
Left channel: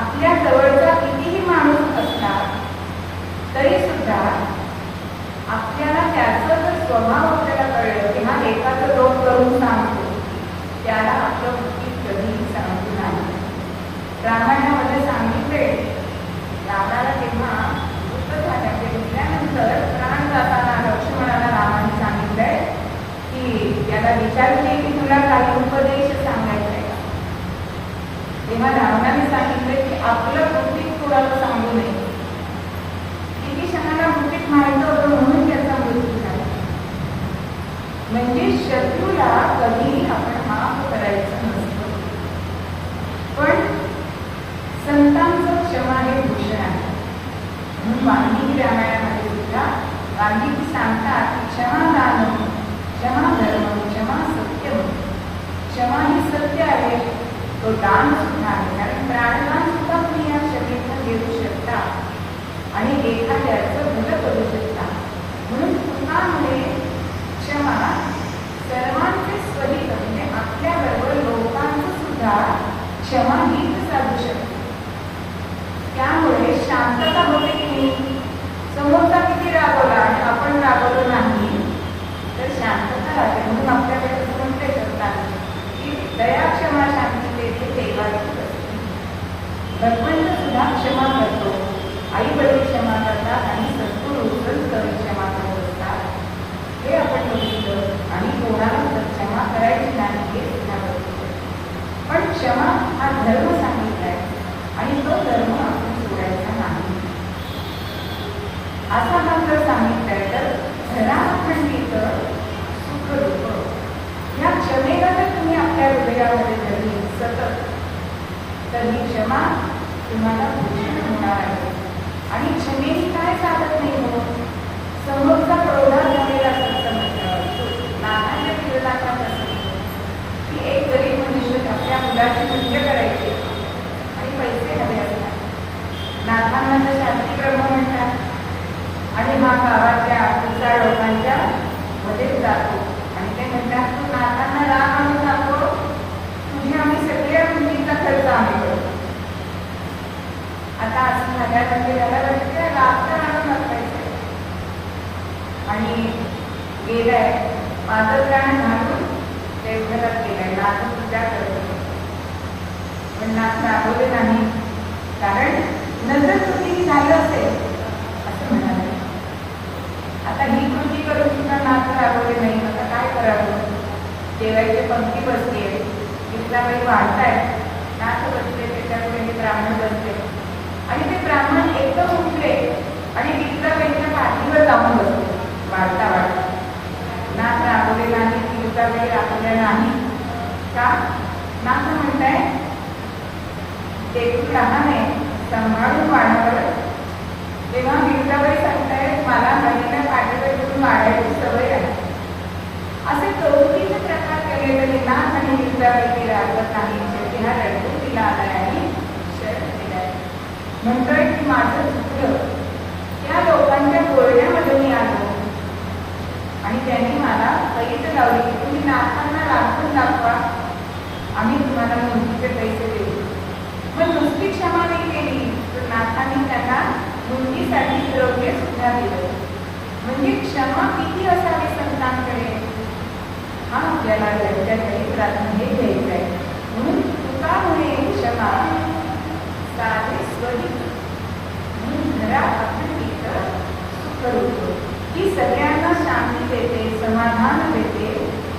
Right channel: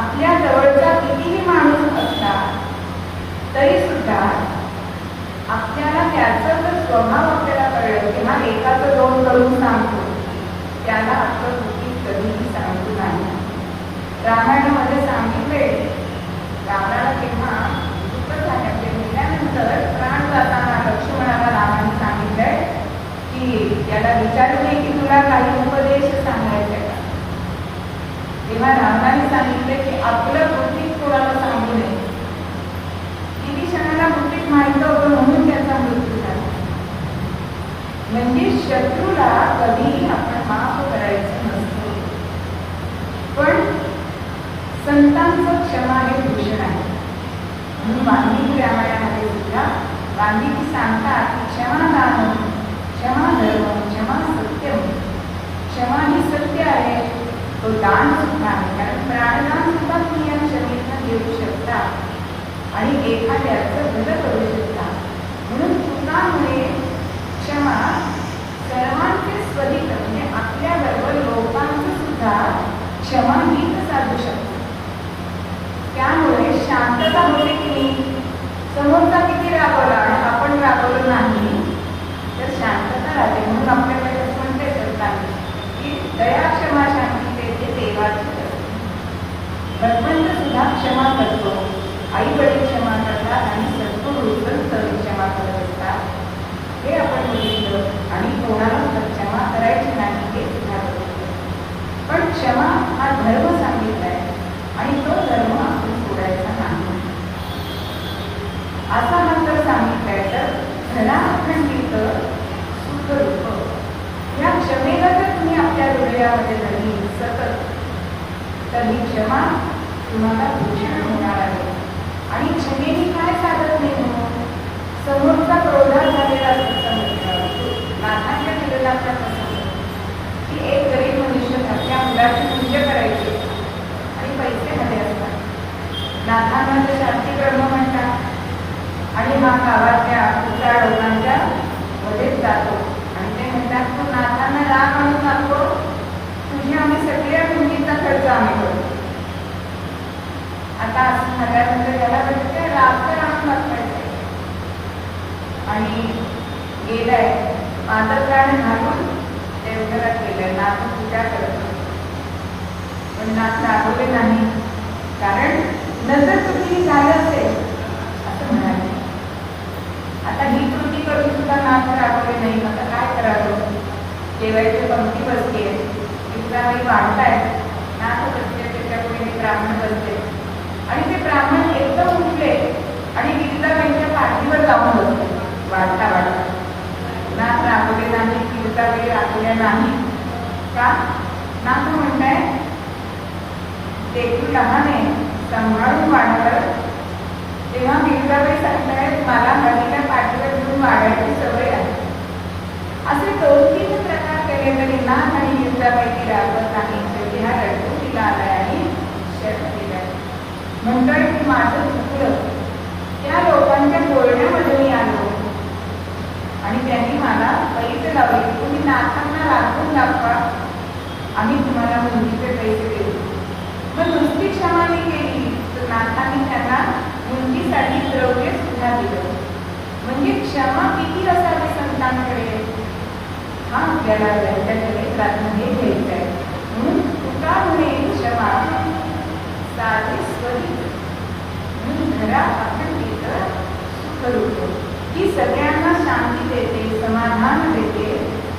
आपल्या जवळचा कितीही माणूस असला तरी सुद्धा आपल्याला त्याचा जर स्वभाव आपल्याला कळलं की हा एकाचं दोन करून सांगतो, त्याला आपलं उचित कधीही सांगतो नाही. रामायणामध्ये सांगितले रावणाला तेव्हा दुःख झालं, ते मेल्यानंतर प्राण जाताना लक्ष्मणाला रामाने सांगितलंय की त्याला विचारले की तुला काही उपदेश सांगायचे का. तेव्हा रावणाने सांगितले की आपलं बुद्धीत कोणाला सांगू नये. किती क्षणाला बुद्धीत मारतो म्हणून त्याचा मृत्यू झाला. म्हणजे शत्रूला कधीही आपण माफ करायचं नसतं. पण संतांचं क्षमा हे भूषण आहे. म्हणून वाल्मिकी रामायणामध्ये सुद्धा गांधीजी सांगतात की क्षमा दान, क्षमा धर्म, क्षमा सत्य. क्षमा ही सत्य आहे, तो दान सुद्धा आहे. कारण प्राणदान सुद्धा तुम्ही या क्षमेतनं देऊ शकता आणि एखाद्याचं भलं करू शकता. म्हणून पुन्हामुळे क्षमा सर्वांचे स्वहित, म्हणजे आपल्याबरोबर लोकांचं सुद्धा क्षमा हित साधू शकते. त्यामुळे शांतता होते की समोरचा किती रागवला आणि आपण रागवलो नाही तर शांतता राहते. म्हणून आपल्याकडे असं म्हणते शकतात की दया क्षमा शांती देते देवाची करते. भगवंत सुद्धा क्षमा करतो, आई वडील क्षमा करतात आणि सद्गुरू संत क्षमा करत असतात. हे आपण बघितलं आणि कोणाला क्षमा करायची नाही हे सुद्धा बघितलं. पण क्षमा हा धर्म सांगितलाय आणि तो धर्म आपण सोडायचा नाही. असा मात्र सांगितलाय तर धनाखंडित सुख रूप. या क्षमेला जर तुम्ही आपल्या हृदयामध्ये धरली सतत तर ही क्षमा तुम्हाला भूषण होणार आहे. आणि क्षमेने काय साधत नाही हो, समोरचा क्रोधात नाही, कारण नजर चुकी झाली असेल असं म्हणाले. आता ही कृती करून सुद्धा नाथ राबवले नाही, आता काय करावं? जेवायची पंक्ती बसते, विश्रामाई वाढतायत, नाथ बसले, त्याच्यापुढे हे ब्राह्मण बसले आणि ते ब्राह्मण एकदम उठले आणि विश्रामाईच्या पाठीवर जाऊन बसले. वाढता वाढता नाथ राबवले नाही, विश्रामाई राबवल्या नाही का? नाथ म्हणताय देखील लहाने सांभाळून वाढावं. तेव्हा विश्रामाई सांगतायत मला हल्लीला पाठीवर घेऊन वाढायची सवय आहे. असे 2-3 प्रकार केले तरी नाथ आणि विश्रामाई ती राबवत नाही. शेवटी हा रडून तिला आलाय आणि शर्ट केलाय. म्हणतोय की माझं चुकलं, त्या लोकांच्या बोलण्यामध्ये मी आलो आणि त्यांनी मला पैसे लावले की तुम्ही नाथांना राखून दाखवा, आम्ही तुम्हाला मुंजीचे पैसे देऊ. मग नुसती क्षमा नाही केली तर नाथांनी त्यांना मुंजीसाठी द्रव्य सुद्धा दिलं. म्हणजे क्षमा किती असावी संतांकडे हा आपल्याला घरच्या चरित्रातमध्ये घ्यायचं आहे. म्हणून तुका म्हणे क्षमा साधे स्वरूप म्हणून घरा अखंडित सुखरूप, ही सगळ्यांना शांती देते, समाधान देते.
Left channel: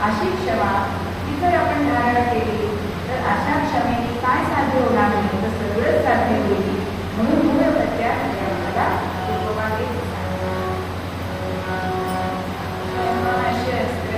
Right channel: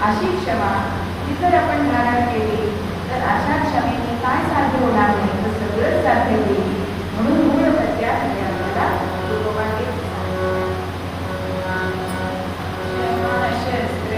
अशी क्षमा ती जर आपण धारण केली तर अशा क्षमेने काय साध्य होणार नाही, तर सगळं साध्य होईल. म्हणून मूळ सत्या आम्हाला लोकमागे शस्त्र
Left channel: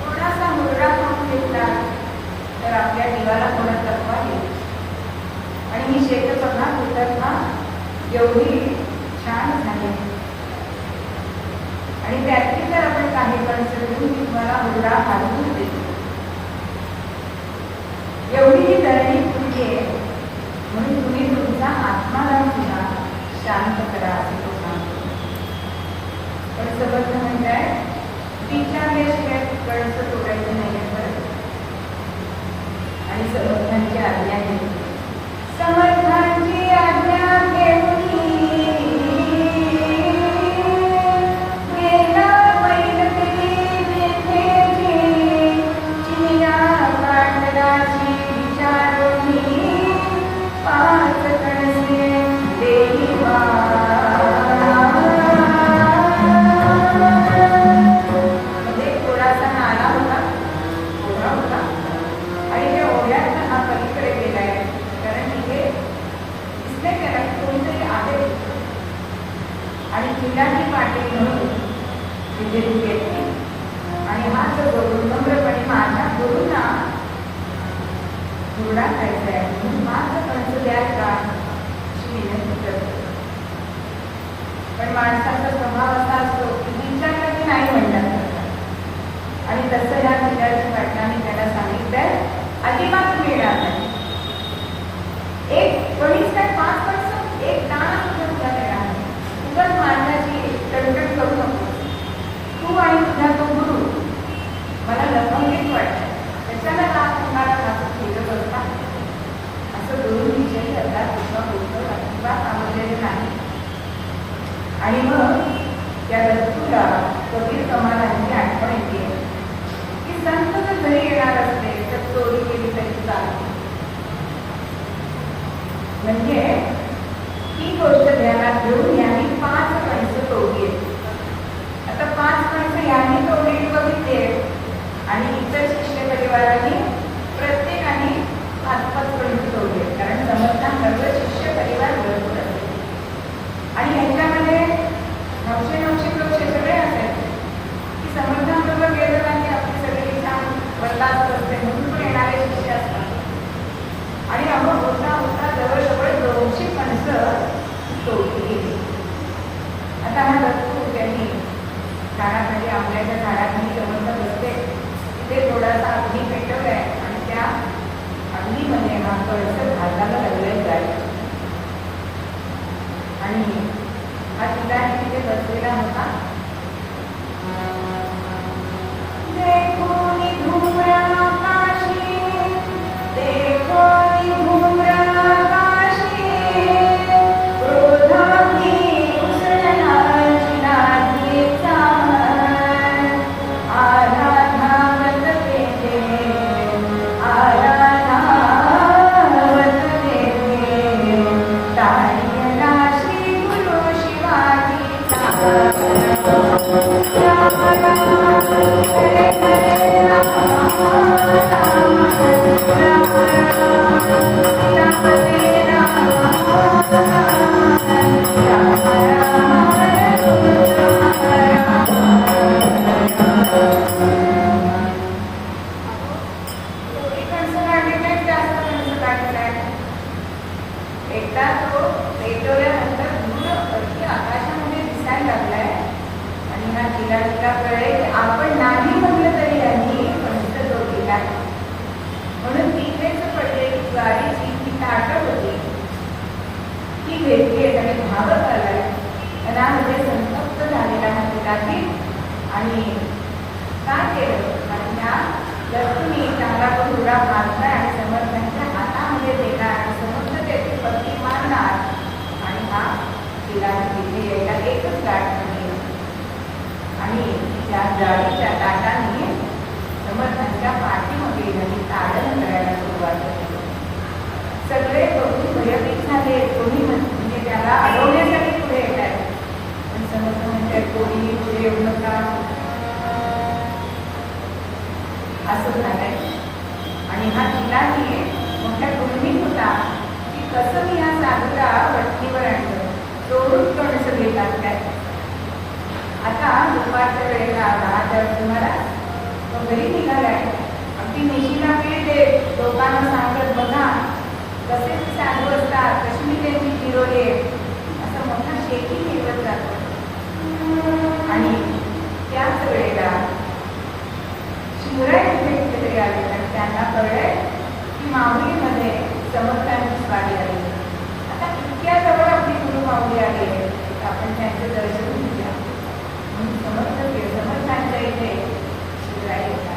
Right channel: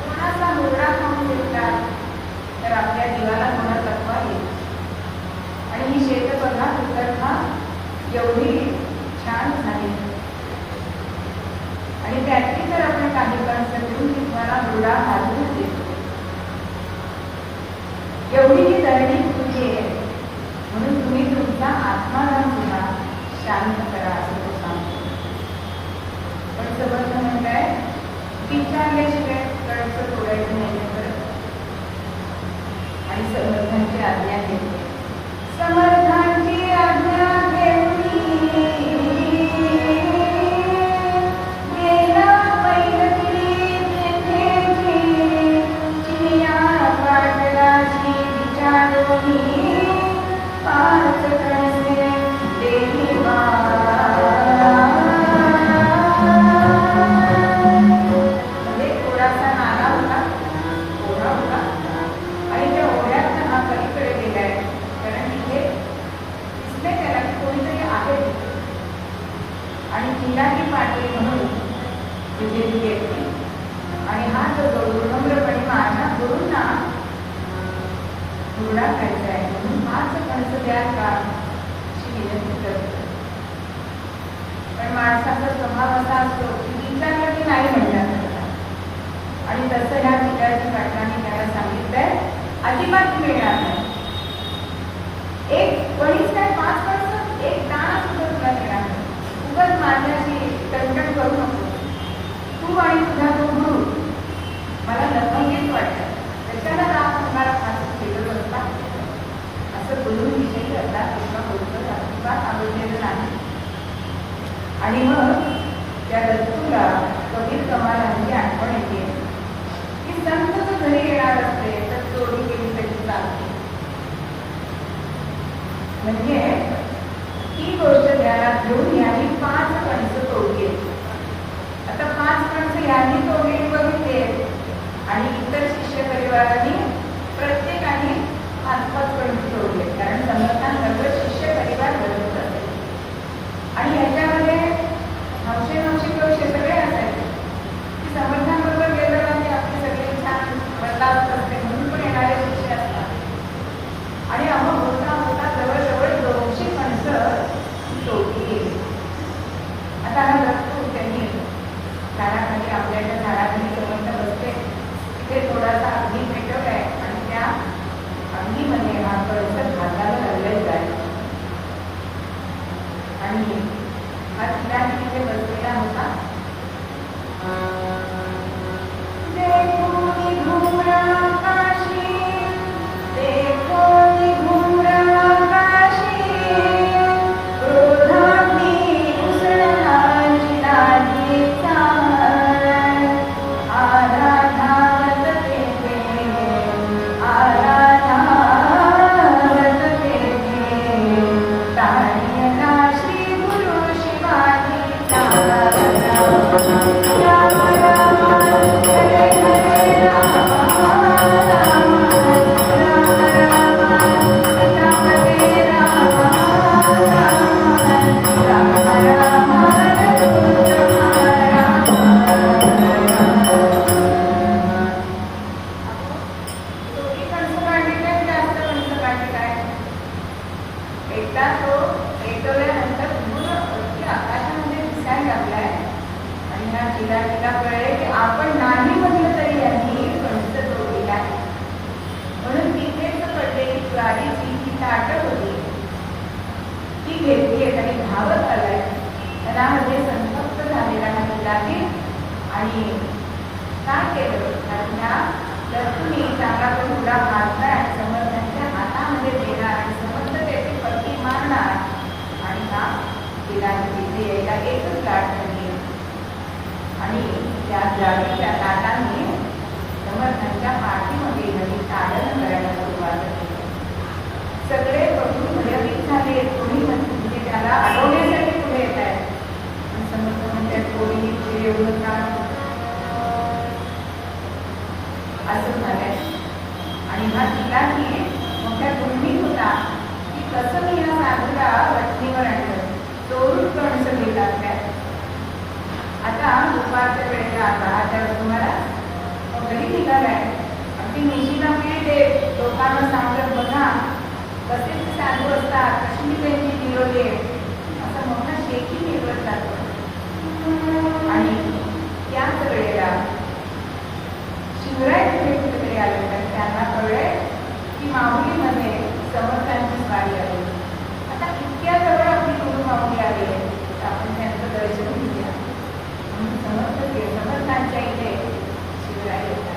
कोणाचा मुलगा म्हणून घेतला तर आपल्या जीवाला कोणा तत्वा येईल. आणि ही शेतकऱ्यांना कृतज्ञता एवढी छान झाली आणि त्यातली जर आपण काही कन्सेप्ट घेऊन की तुम्हाला मुलगा हालवून देतो एवढी ही धरणी पुढे आहे म्हणून तुम्ही तुमचा आत्माला सुद्धा शांत करा असं तो सांगतो. पण समर्थ म्हणताय विचारल्याशिवाय कळचं तोडायचं नाही करत आणि समर्थांची आज्ञा घेतली. समर्थांची आज्ञा घेतली गेला पैलती तेथेची चिया काठराची विचारोनी पाच कणसे देही थोडासा नाला होता, ओढा होता आणि त्या ओढ्यात हा पलीकडे गेलाय कारण तिथे दिसले कारण कोणीतरी आहे आणि फुलाची पाटी म्हणून तिथे ती घेतली आणि हा जो नम्रपणे माझ्या गुरुंना मुलगा खायचा आहे म्हणून माझं पंच द्या का अशी विनंती करते. पण माणसाचा स्वभाव असा असतो की विचारलं की नाही म्हणतात आणि तसं ह्या पिल्याची पाटलाने त्याला सांगितलंय अजिबात मिळणार नाही. एक कोणीच काय 5 वर्ष एक दाणा सुद्धा तुला तयार आहे. उगाच माझ्याशी तडजोड करू नको. तू आणि तुझा तो गुरु मला लपंगीत वाटतं त्याच्याला का तुम्हाला खास भेटत असता असं गुरुविषयी आता सगळे बघून भयभीत झाले. कोणी म्हणजे त्याला अडवण्यासाठी पुढे येत आहे. समर्थ म्हणते कोणी तुझे एवढं का असं झालंय. आणि हा तिलाही मोठ्या गुणीत होता की कसं मी या साधूला वटणीवर आणलं. चोरून करून सगळी लागलाय. आता दुपारच्या वेळेला आला त्यावेळेस तुम्हाला घरी निघालाय. अगदी निशीला वेळ दे, लोकांना सांगत बघा कसे ते साधू असतात, कशी मी त्यांची जिरवले, असा मोठा शेकी येतच जातो. आणि त्याच वेळेला शिवराय तिथे कुठेतरी आले. त्यांना कळलंय की माहुलीमध्ये समर्थांची स्वारी आली. आता इतक्या जवळ आपली गुरु माऊली आली आहे, आपण त्यांचं दर्शन घेऊया. म्हणून समर्थांच्या इथे शिवराय येतात.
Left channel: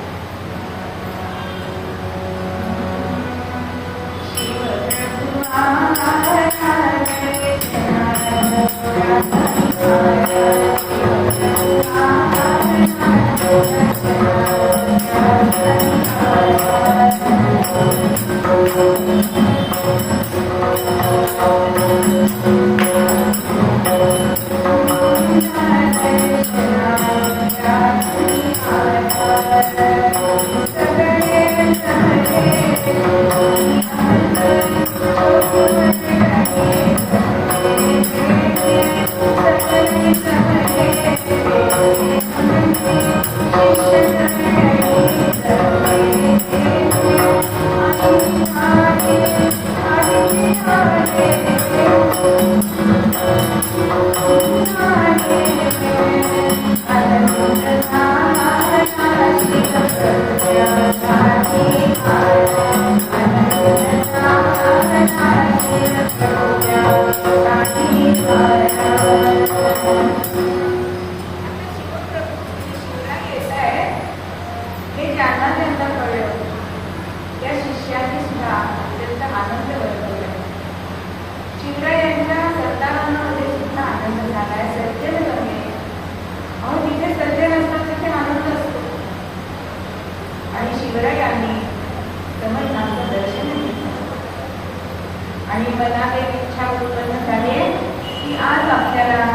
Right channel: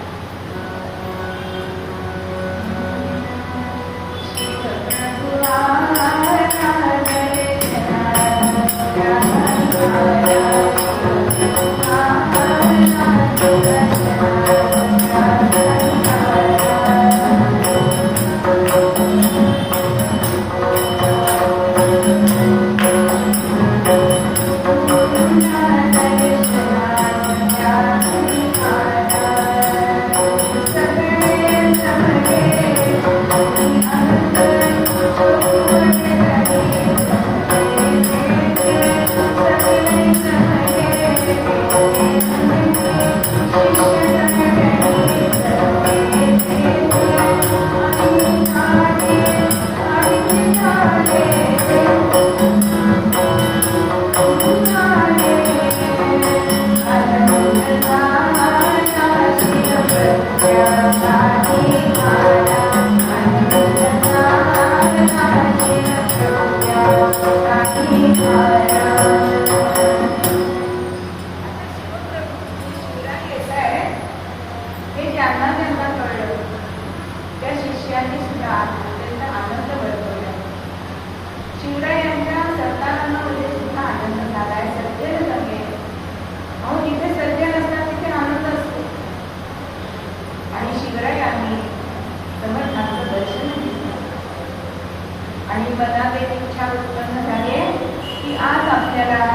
आणि मनात एक इच्छा उत्पन्न झाली की आज आपल्याला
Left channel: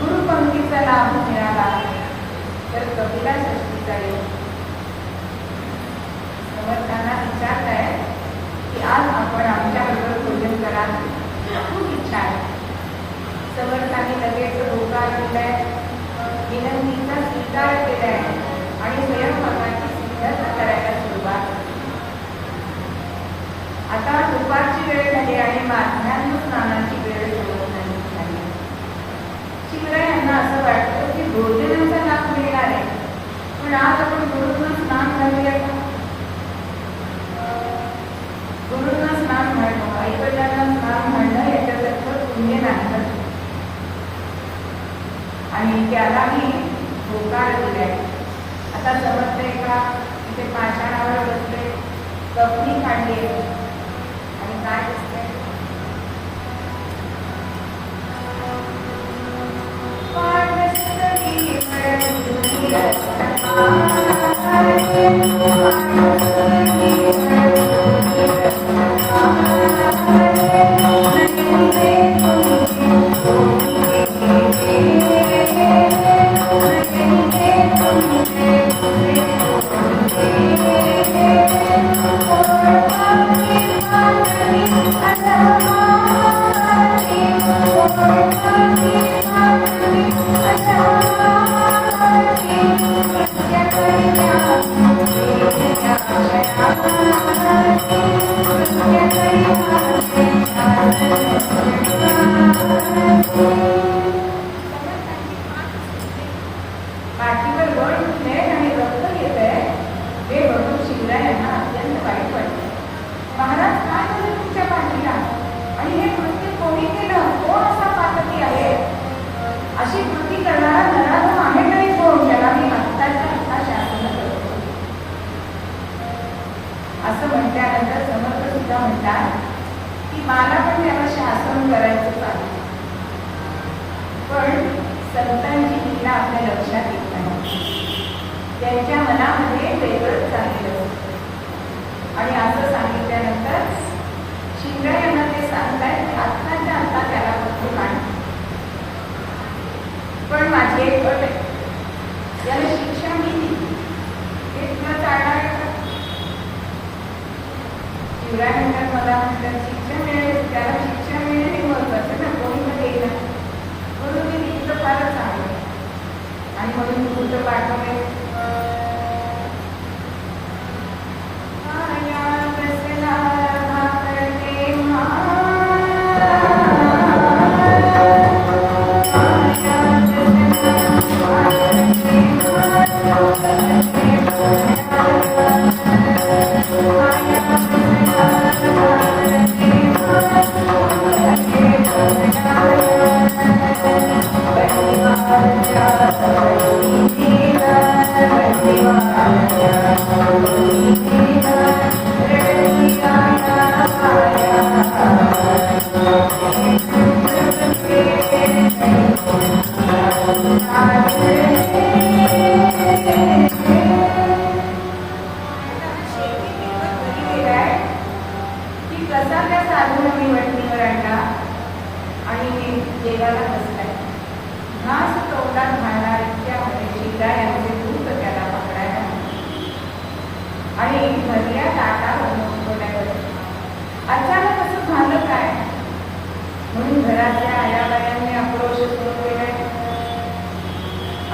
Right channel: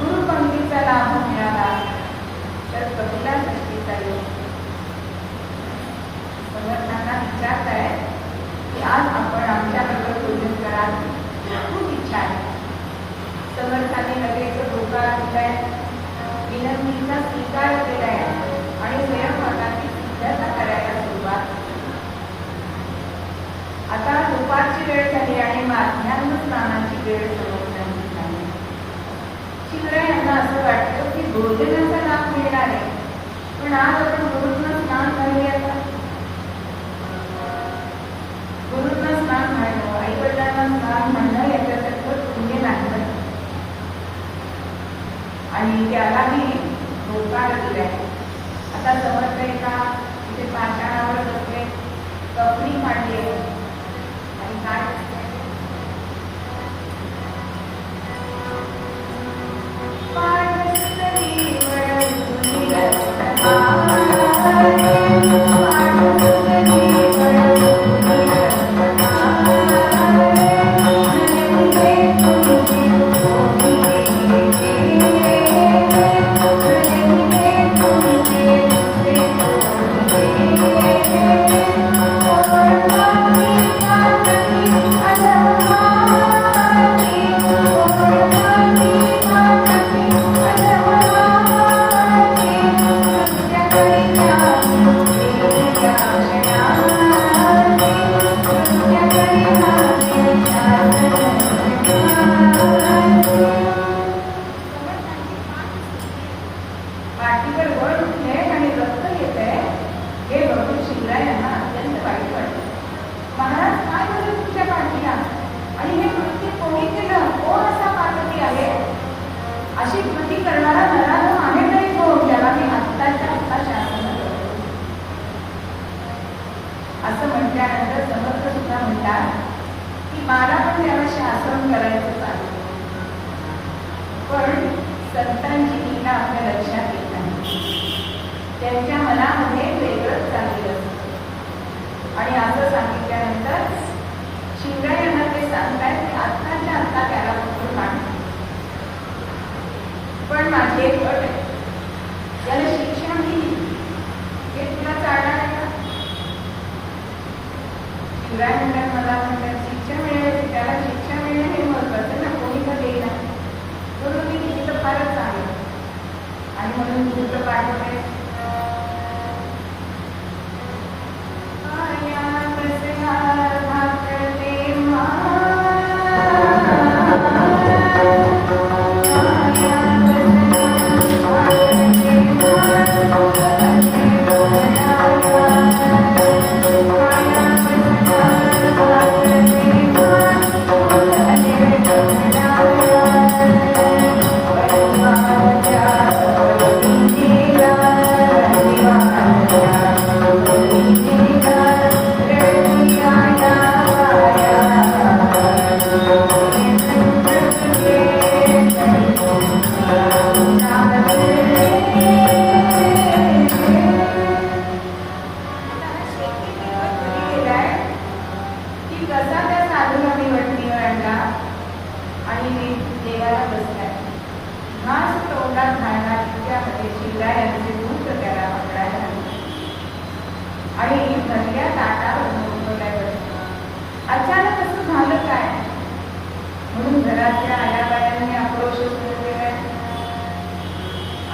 गुरुपंक्तीचा लाभ मिळाला तर कविता सृष्टीचा योग. समर्थांना विचारत आहे की आज आपण आमच्याबरोबर पूजन करा, खूप इच्छा आहे. समर्थाने लगेच होकार दिलाय, विनंतीचा स्वीकार केलाय आणि स्वयंपाकाची सिद्धता करायला सुरुवात. आता दुपारची वेळ झाली आणि माध्यान्ह स्नानाची वेळ झाली. शिवराय यांना असं वाटतं की गुरुजनांचा लाभ मिळणार आहे, पण आज आपण गुरुंना स्नान घालूया का? गुरुंना स्नान घालणं, आईवडिलांना स्नान घालणं याच्यासारखं पुण्य नाही. आणि त्यालाही होकार दिलाय. आता समजते का इथे पाषाणावर बसले, कपणी काढली आणि काय असते असं म्हटल्यानंतर समर्थ सुद्धा म्हणतात की मला पण त्याला शासन करायचं चालू, पण संतांची लीला आपल्या लक्षात येत नाही. त्यांच्या मनामध्ये वेगळंच चाललेलं असतं. आणि असं सांगितल्यानंतर शिवरायांना ते सांगतायत आत्ताच्या आता त्याला उठून आण. पण माझी एक अट आहे, याला शिक्षा मी दिली हे तुला चालणार आहे का? शिवराय म्हणतात मला म्हणतात शिक्षा मिळेल, त्याला शिक्षा मिळेल हे महत्वाचं ना, कोणी पण येईल म्हणून मी तिथं फारच आहे आणि म्हणून पुढचं पाठवलंय.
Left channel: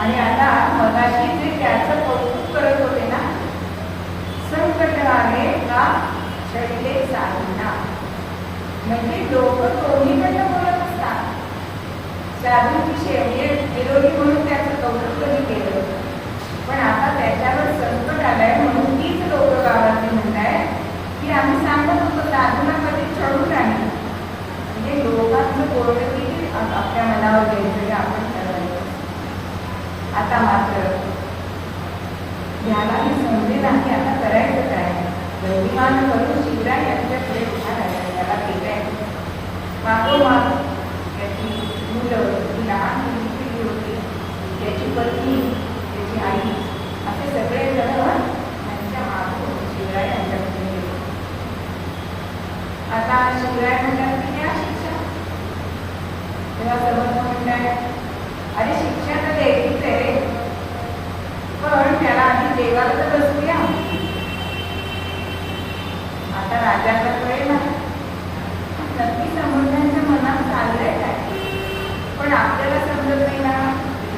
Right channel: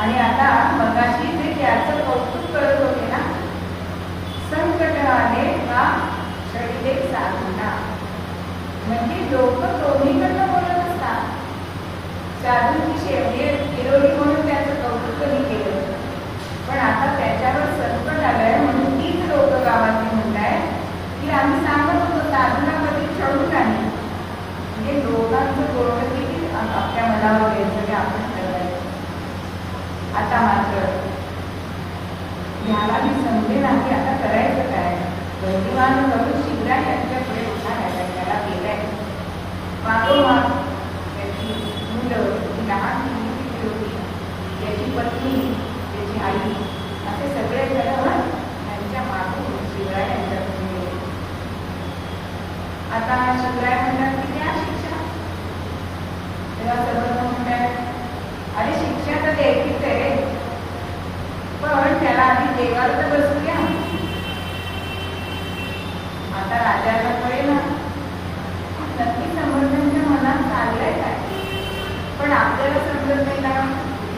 आणि आता मगाशी जे त्याचं कौतुक करत होते ना, संकट आहे का शरीरे साधना, म्हणजे लोक दोन्हीकडनं बोलत असतात. साधूची शेवटी विरोधी म्हणून त्याचं कौतुक कमी केलं, पण आता त्याच्यावर संकट आलंय म्हणून तीच लोक गावातली म्हणताय की आम्ही सांगत होतो साधूला मध्ये चढून राहील. म्हणजे लोकांचं बोलणं किती आपल्या मनावर घ्यायचं आपण ठरवायचं. आता मात्र ह्याला मी समजेल आणि आता करायचं काय. गतिमान करून शिवराय यांच्याकडे उभा राहिला, त्याला केलंय मागोमाग त्याची मुलं, ती लहान मुलगी होती, त्याची पत्नी, त्याची आई, असे सगळे जण त्यांच्या मागून शिवराय यांच्याकडे गेले. आता शिवराय म्हणतात की द्या शिक्षा. तेव्हा सर्व म्हणतात अरे शिक्षा तर द्यायचीच आहे रे, पण त्याला आधी देवाला तर बसूया. आता राजाला कळेल ना नक्की समर्थांच्या मनात चाललंय काय, पण आपल्याला समजत नाही ना,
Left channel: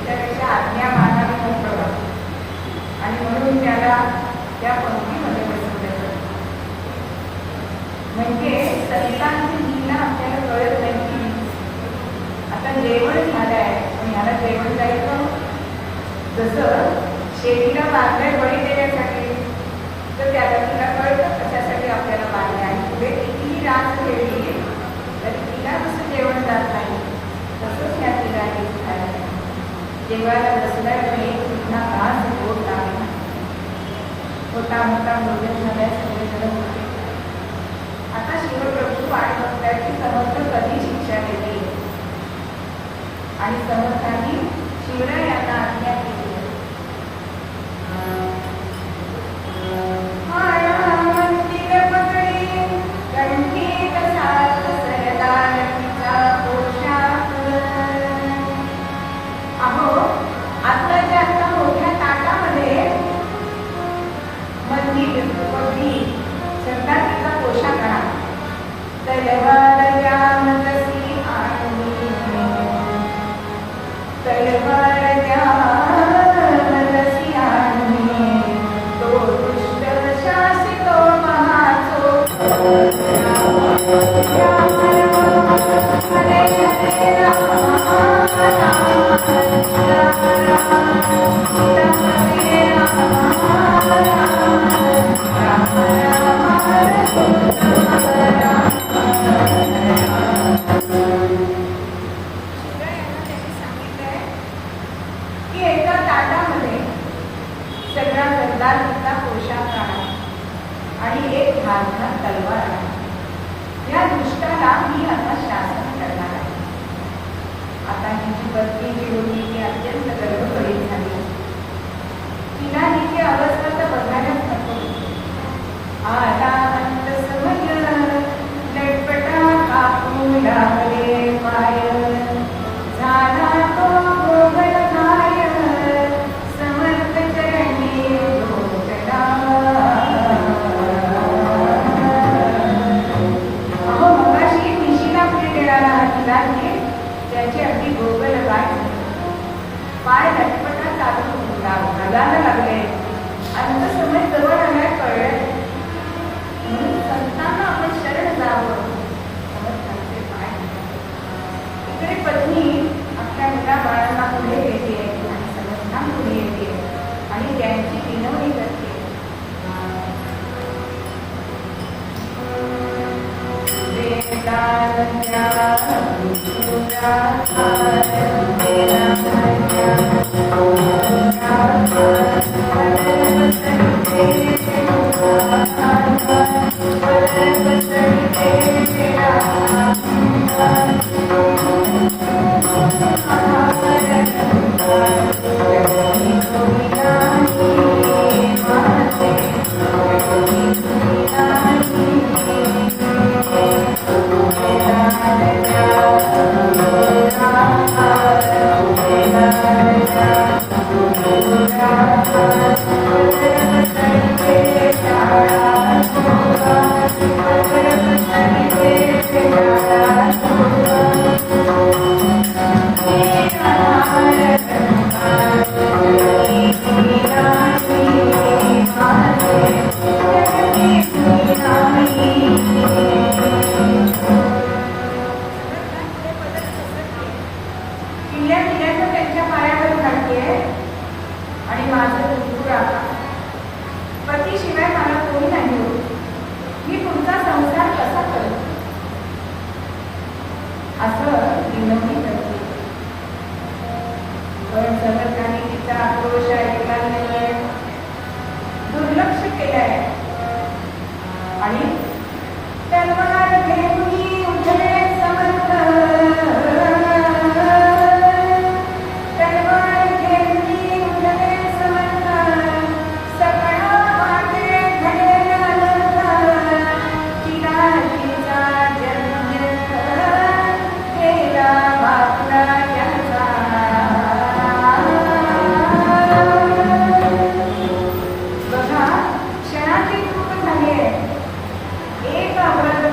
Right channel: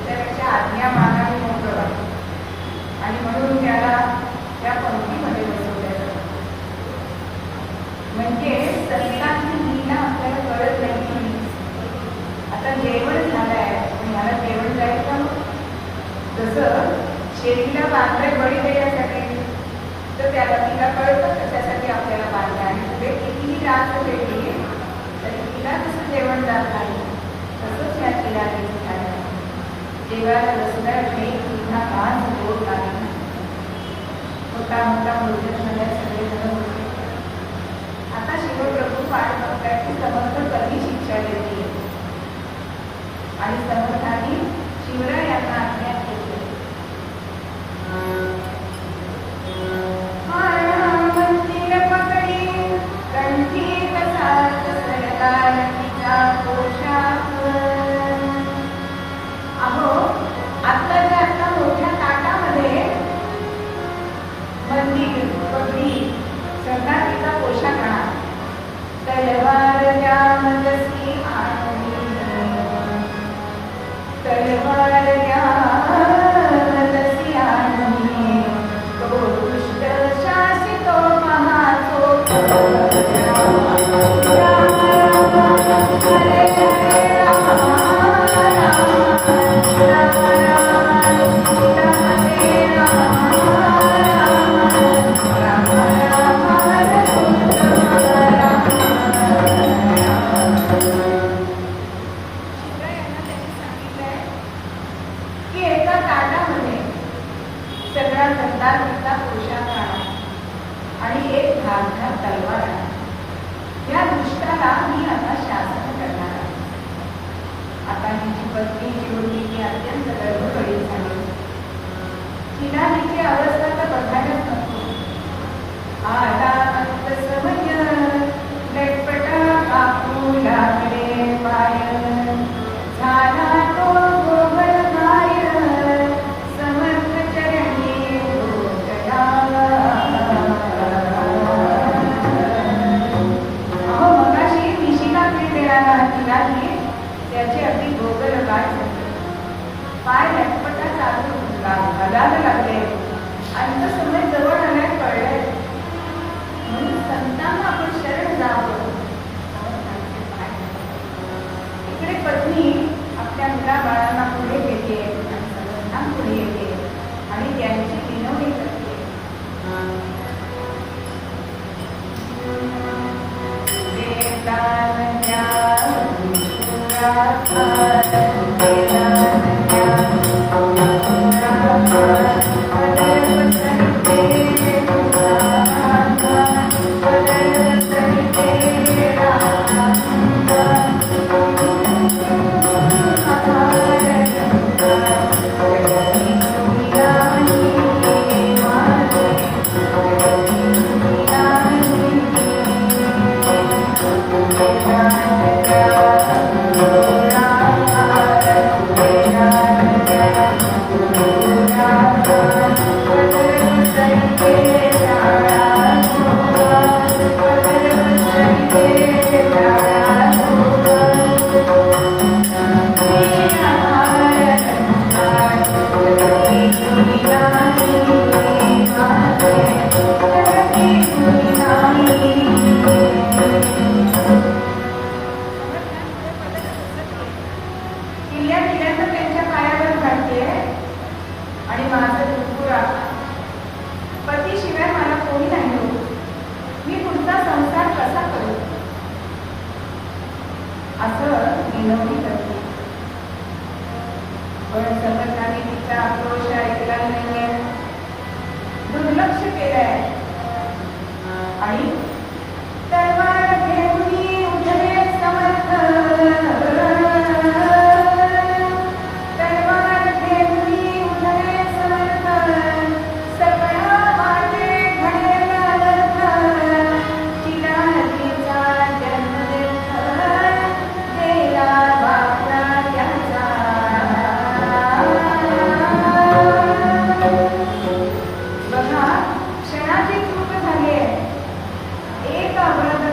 त्यापेक्षा आज्ञा मागावी मोठं वाटतं आणि म्हणून त्याला त्या पंक्तीमध्ये बसवलं. म्हणजे संतांची लीला आपल्याला कळत नाही. आता जेवण झालंय आणि ह्याला जेवण जायचं, जसं शेतीला बांधलंय बळी देण्यासाठी, तर त्याला तिला कळतं कशासाठी आपल्याला बांधलं आणि पुढे कितीही रात खेळली तरी तिला कसं जेवण जात नाही, तसंच ह्या चिरागीचं झालं. जेवायला बसलाय नाही पुन्हा घास गोड लागला, मोठा मोठा भोजन झालाय, सगळे जण होते. आता शिवप्रभू पाठ बघताय की समर्थ कधी शिक्षा देते आणि समर्थांनी शिवराय यांना आज्ञा केली. अवस्था तर बघायलाच नको.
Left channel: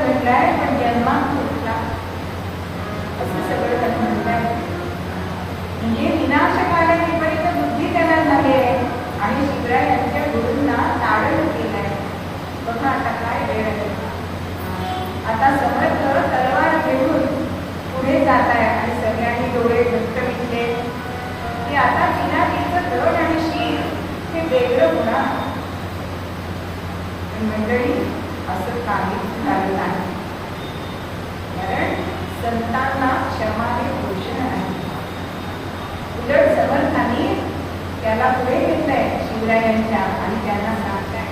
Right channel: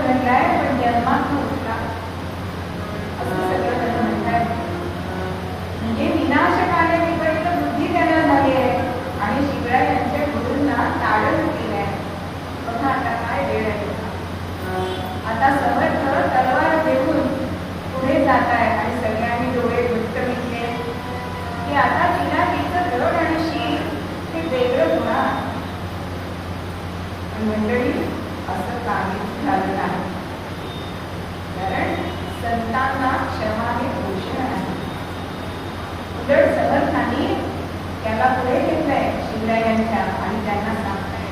घडलाय पण जन्मात फुटला असं सगळं त्याला म्हणताय. म्हणजे विनाशकार्य विपरीत बुद्धी त्याला झाली आहे आणि शिवरायांच्या गुरूंना ताडण केलंय. बघा आता काय वेळ आहे. आता समर्थ तलवार घेऊन पुढे जात आहे आणि सगळ्यांनी डोळे घट्ट मिटले की आता चिनाकीचं धड आणि शीर हे वेगळं होणार. मंडळी असं काहीच झालं नाही. कारण संतांना क्षमा हे भूषण आहे. उलट समर्थांनी त्याला पुढे घेतलंय शिवरायांच्या आणि त्यांना सांगताय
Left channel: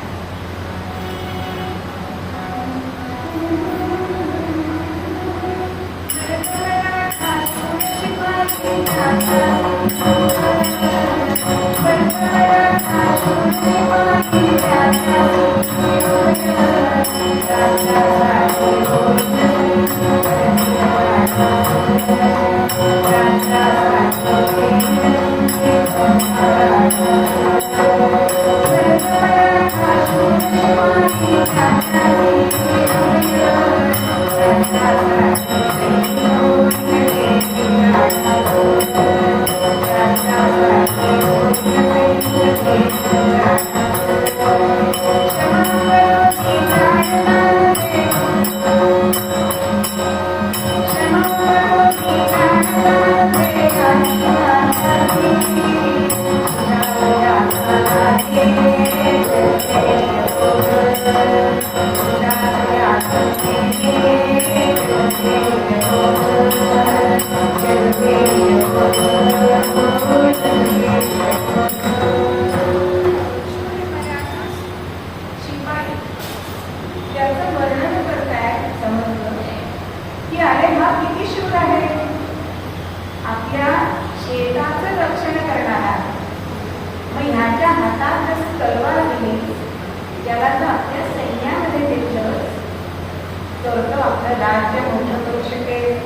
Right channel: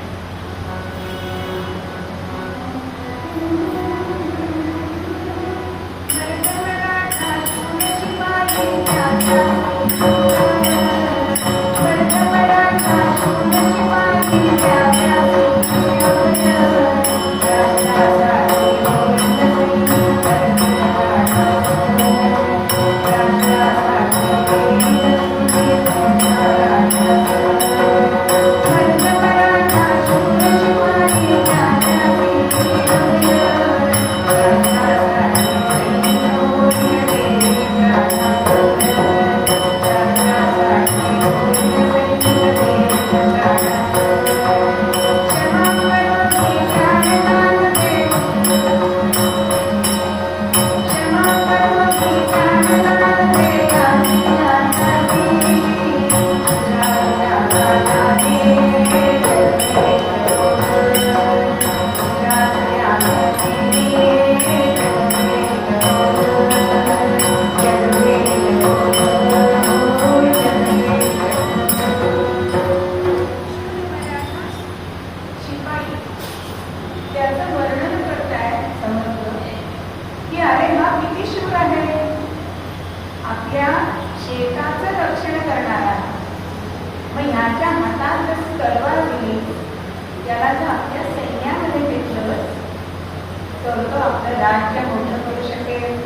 राज्य मोठं करू शकेल.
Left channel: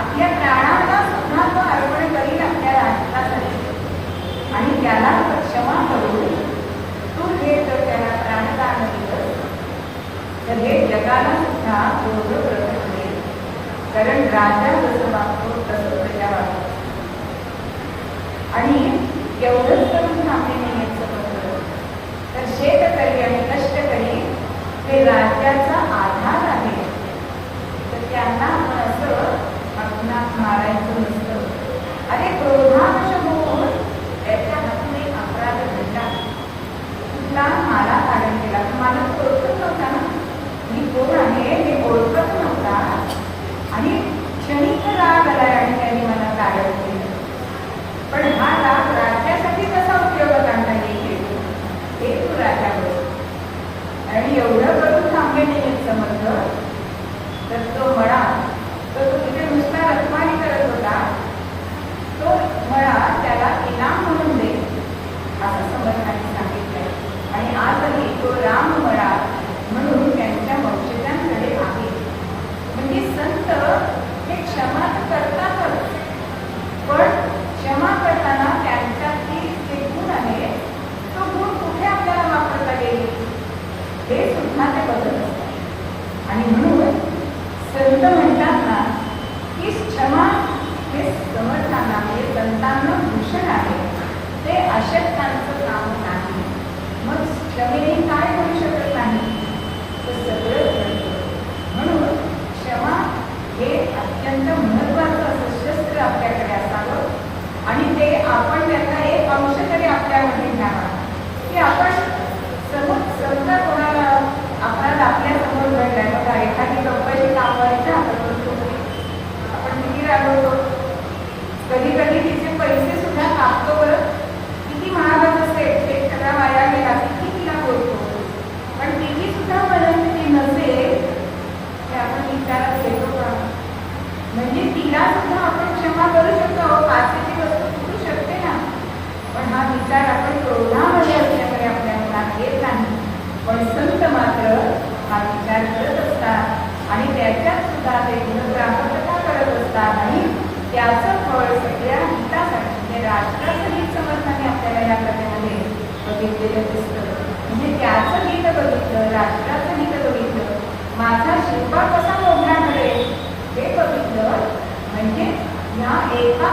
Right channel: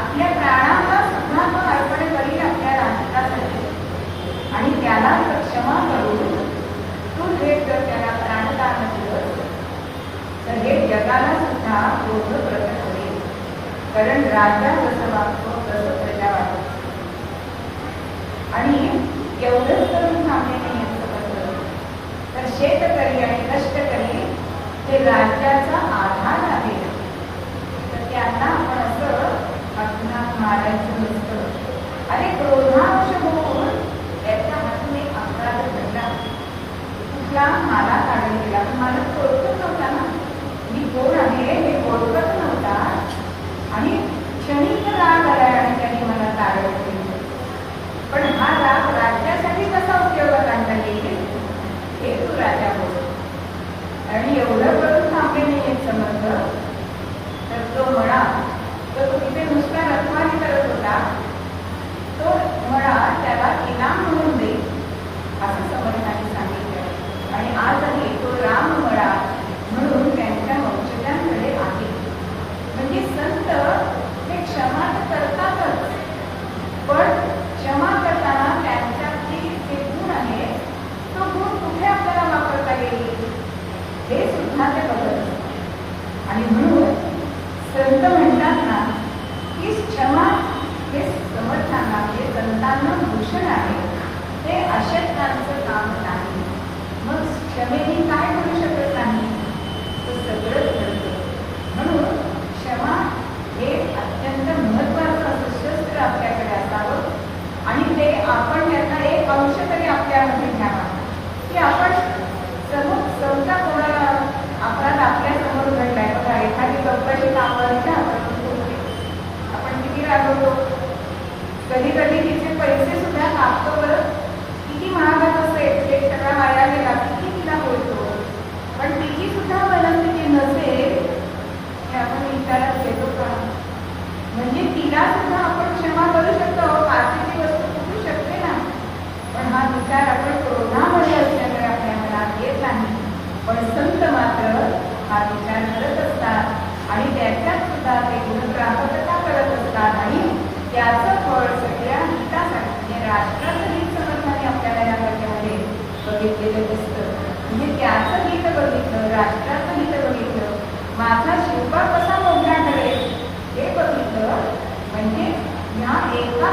आपल्या प्राणांना सुद्धा तो अर्पण करील आपल्या राष्ट्रासाठी आणि त्याला क्षमा करून तू हे जर त्याला प्राणदान दिलं तर हे जगाला सुद्धा बोध प्रकट होईल. कारण राजा जसं वागतो तसं प्रजा वागतो. आणि एवढंच करून थांबले नाही असं म्हणलं तर शेतकरी आणि कष्टकरी हे राज्याचा आधार आहे. तर त्यांना आपण असं आपणात मारायचं नसतं. अरे क्रोधांश होऊन त्याच्या हातून एक अपराध घडला. कुठला मला तारण केला. मला ओळखत नव्हता ना मी कोण आहे हे ओळखत नव्हता आणि क्षणिक राग आलाय आणि त्यांनी मला तारण केलं. पण हा राग राज्यासाठी कसा उपयोगात आणता येईल हे तू राजा बोल. आणि एवढं करून थांबले नाही समर्थ तर तो म्हणा तर तो तिथे नुसता रखवारी करत होता. तो म्हणा त्याला इनाम म्हणून दे असं समर्थांनी सांगितलं. आणि आजही तो राम म्हणा म्हणून त्यांच्या वंशजांकडे आहे. म्हणजे संत हे क्षमा करतातच पण क्षमा करताना त्यांच्यातील जे गुण आहे तो गुण कुठे आपल्याला वापरता येईल हे सुद्धा ते बघत. आणि म्हणून संत म्हणतात ना की क्षमा हे समर्थांना म्हणजे संतांना भूषण आहे. ते अशक्तांचं काम नाही. मग क्षमेने काय करू शकत नाही तर सगळं घडतं. म्हणून क्षमा हे अत्यंत महत्वाचं असं शस्त्र आपल्याकडे असावं आणि ते आपण त्यांना एक अंश तरी आपल्यामध्ये घ्यावा की आपण समजा कोणाला अपराध आपल्या समोर घडलाय. बघा एखादी गप्पाची कामाची आपण किती रागवतो. कधी कधी तिचे पैसे सुद्धा कापतो. बरं किती महागात असेल एक टक्का वाया गेला किती तिला बोलतो. पण तिची सुद्धा मनस्थिती नसेल ते आपण विचारात घेतो का. म्हणजे तिला सुद्धा आपण क्षमा करू शकतो. आजची वस्तू फुटू शकते ना. पण हा विचार आपण क्रोधामध्ये असल्यामुळे आपल्या मनात येत नाही. पण संत मात्र हा विचार करत असतात आणि त्याच्यात सुद्धा ते गुणग्राहकता करत असतात आणि त्याचं फळ सगळ्या हितासाठी म्हणजे राष्ट्राचं हित समर्थाने आपल्याला या प्रकारे बघितलेलं दिसतं. म्हणजे त्याचं हित बघितलं राष्ट्राचं हित बघितलं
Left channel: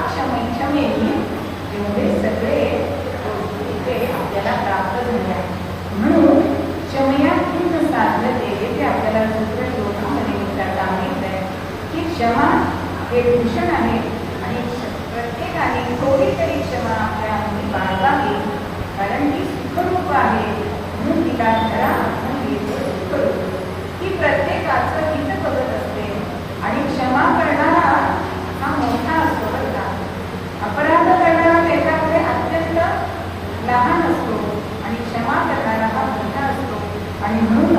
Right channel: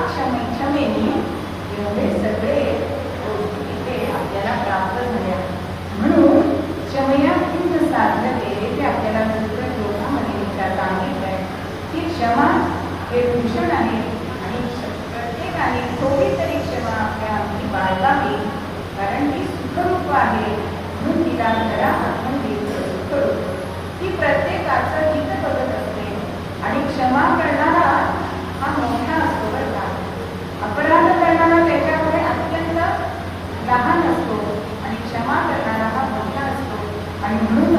क्षमेने एवढे सगळे गोष्टी इथे आपल्याला प्राप्त झाल्या. म्हणून क्षमया किंच साध्यते ते आपल्याला दुसऱ्या श्लोकामध्ये सांगितलंय की क्षमा हे भूषण आहे आणि प्रत्येकाने थोडी तरी क्षमा आपल्या अंगी बाळगावी, कारण ती सुखरूप आहे. म्हणून तिला धरा म्हणजे सुखरूप. ती प्रत्येकाचं हित बघत असते आणि क्षमा करणारा हा मोठा असतो बरं का. अपराध करणारा त्याच्याकडे अत्यंत लहान असतो आणि क्षमा करणारा हा मोठा असतो. आणि म्हणून